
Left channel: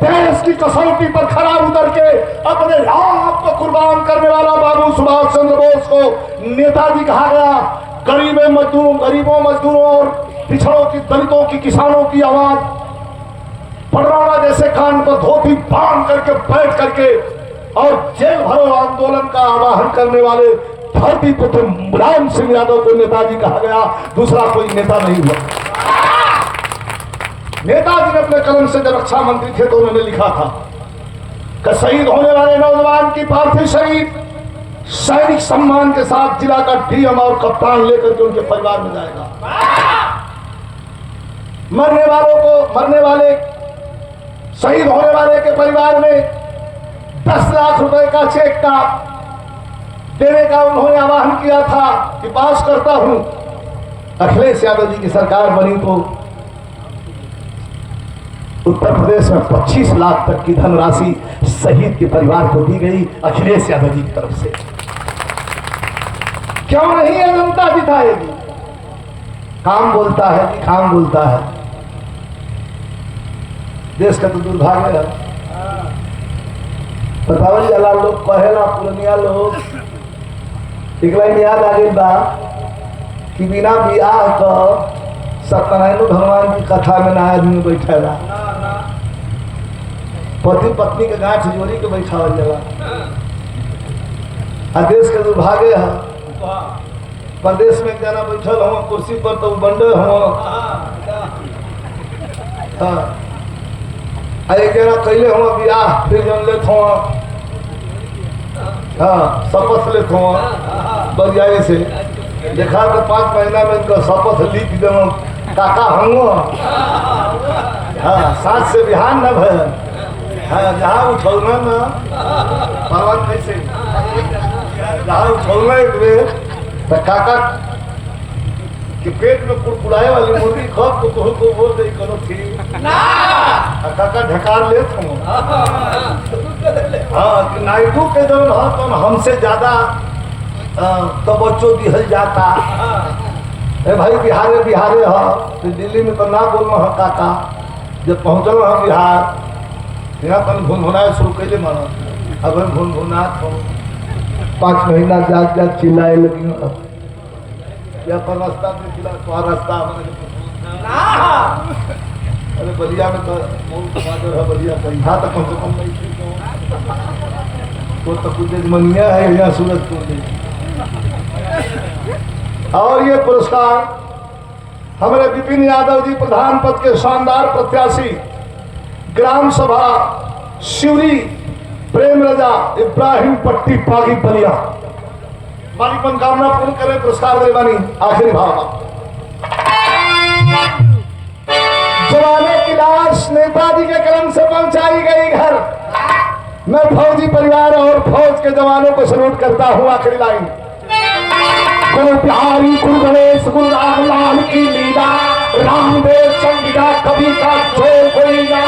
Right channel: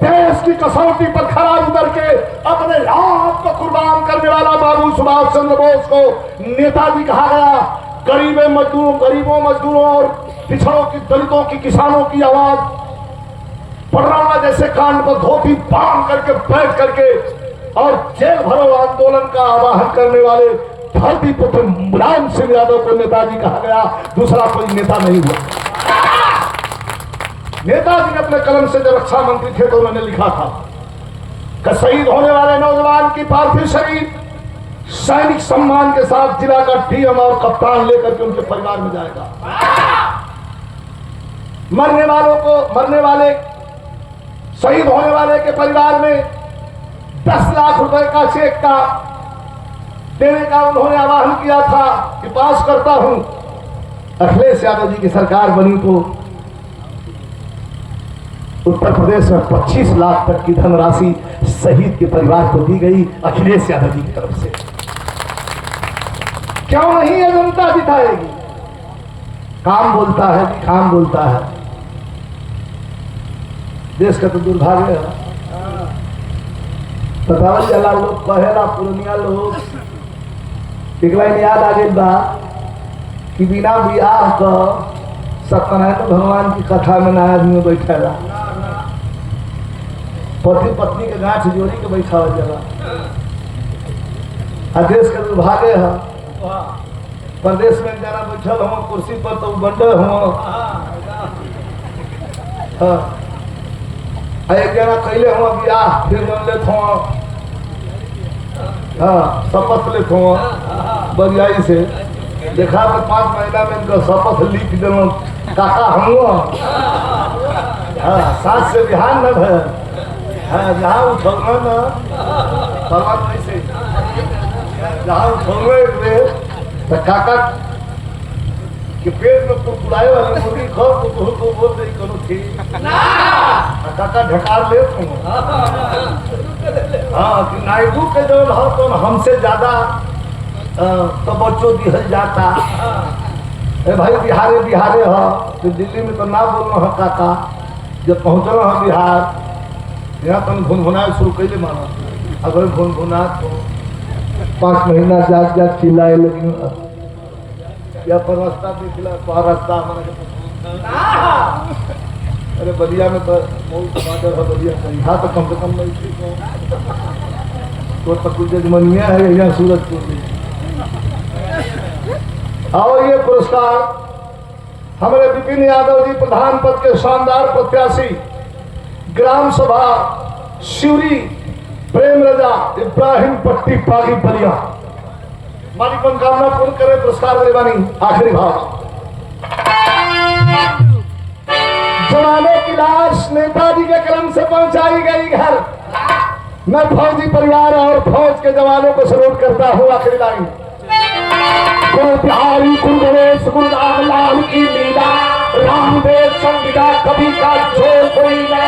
देश की कसौटी पर खड़ा उतर के अपने आप को कुर्बान करने वाला बाबू सुभाष चंद्र बोस को नेताजी कहा गया। गरीबों मजदूरों और पिछड़ों की, दलितों की, किसानों की आवाज पड़रावा जैसे कान पर धोती बांध करके बैठ करके और जेल भरो आंदोलन का आवाहन करने वाले धरती पुत्र मुलायम सिंह यादव को नेताजी कहा गया। दूसरा कोई नेता नहीं हुआ। नेताजी ने अपने कलम से जब रक्षा मंत्री थे तो उन्होंने लिखा था कि शहीद होने वाले नौजवान की पार्थिव शरीर सैनिक सम्मान के साथ जिला का डीएम और कप्तान लेकर के उनके परिवार में जाएगा। मरने वाले शहीद होने वाले के परिवार में 10 लाख रुपए का चेक का देने का उन्होंने आह्वान किया था कि पास करता हूं। अखिलेश यादव जी की सरकार बनी तो उत्तर प्रदेश में 25 लाख तक की धनराशि शहीद के परिवार को दी गई अखिलेश यादव जी की तरफ से। क्यों नहीं ये जनता जिताएगी? काम बोलता है कि काम बोलता है। देश का तो दुर्भाग्य है। बतावल जाला लोग कहेला पुरनिया लोग, एक लाइन याद आ गई बा कि बिना बियाह का सत्यनारायण भगवान की कथा में ना आदमी बैठेला, पति पत्नी के गांठ जोड़ी के बैठा हो जाएगा। देश का दुर्भाग्य है, प्रदेश में जना बैठल हो कुर्सी पर तो बंडे हो, एक जना कैले हो बियाह फिर जन लेत हो, शपथ लेत हो बरियाई से देखा तो 5 महीना में तो शपथ लिख देना काका हम साथ से बिहान न भय जहाँ उठौना न पर्वत कैसे जहाँ उठौना तो काका के पेट में कुड़कुड़ाए वाले मुर्गी खब को बोल रही करो ठीक काका ढकार ले नायडू के जो तो हमसे ज्यादा तवज्जो दिहल जाता अरे भाई बिहारे बिहारे हो तो दिल्ली में तो ना बोलो हो काका जब पहुँचल हो बिहार यहाँ तन भुनभुना शुरू कैले मानो अगर भुनभुना तो 5 महीना जात जात चिल्लाए लगी या पर रास्ता दिखला तो रास्ता अरे बलिया में तो बहुत बादल है बलिया कंधा तो कम से कम नहीं थी तो कुछ मनिया है यहाँ सूरजपुर में। और ये पुरस्कार हमारे विपिन यादव जी प्रधान पद के शानदार प्रत्याशी ग्राम सभा शिवरी प्रेम रजा इब्राहिम पट्टी पागी बलिया मालिक मनोकामना पूर्ण करे पुरस्कार वाले बानी आखिरी भाव जमाने की लाश नेताजी के कलम से पहुंचाई गई घर। मैं फौजी परिवार और फौज के जवानों को सलूट करता हूं। आखिरी लाइन गुरु बिहारी गुरु गणेश गुरु रामलाल की लीला रामदेव संविदा कभी का जो कोई ना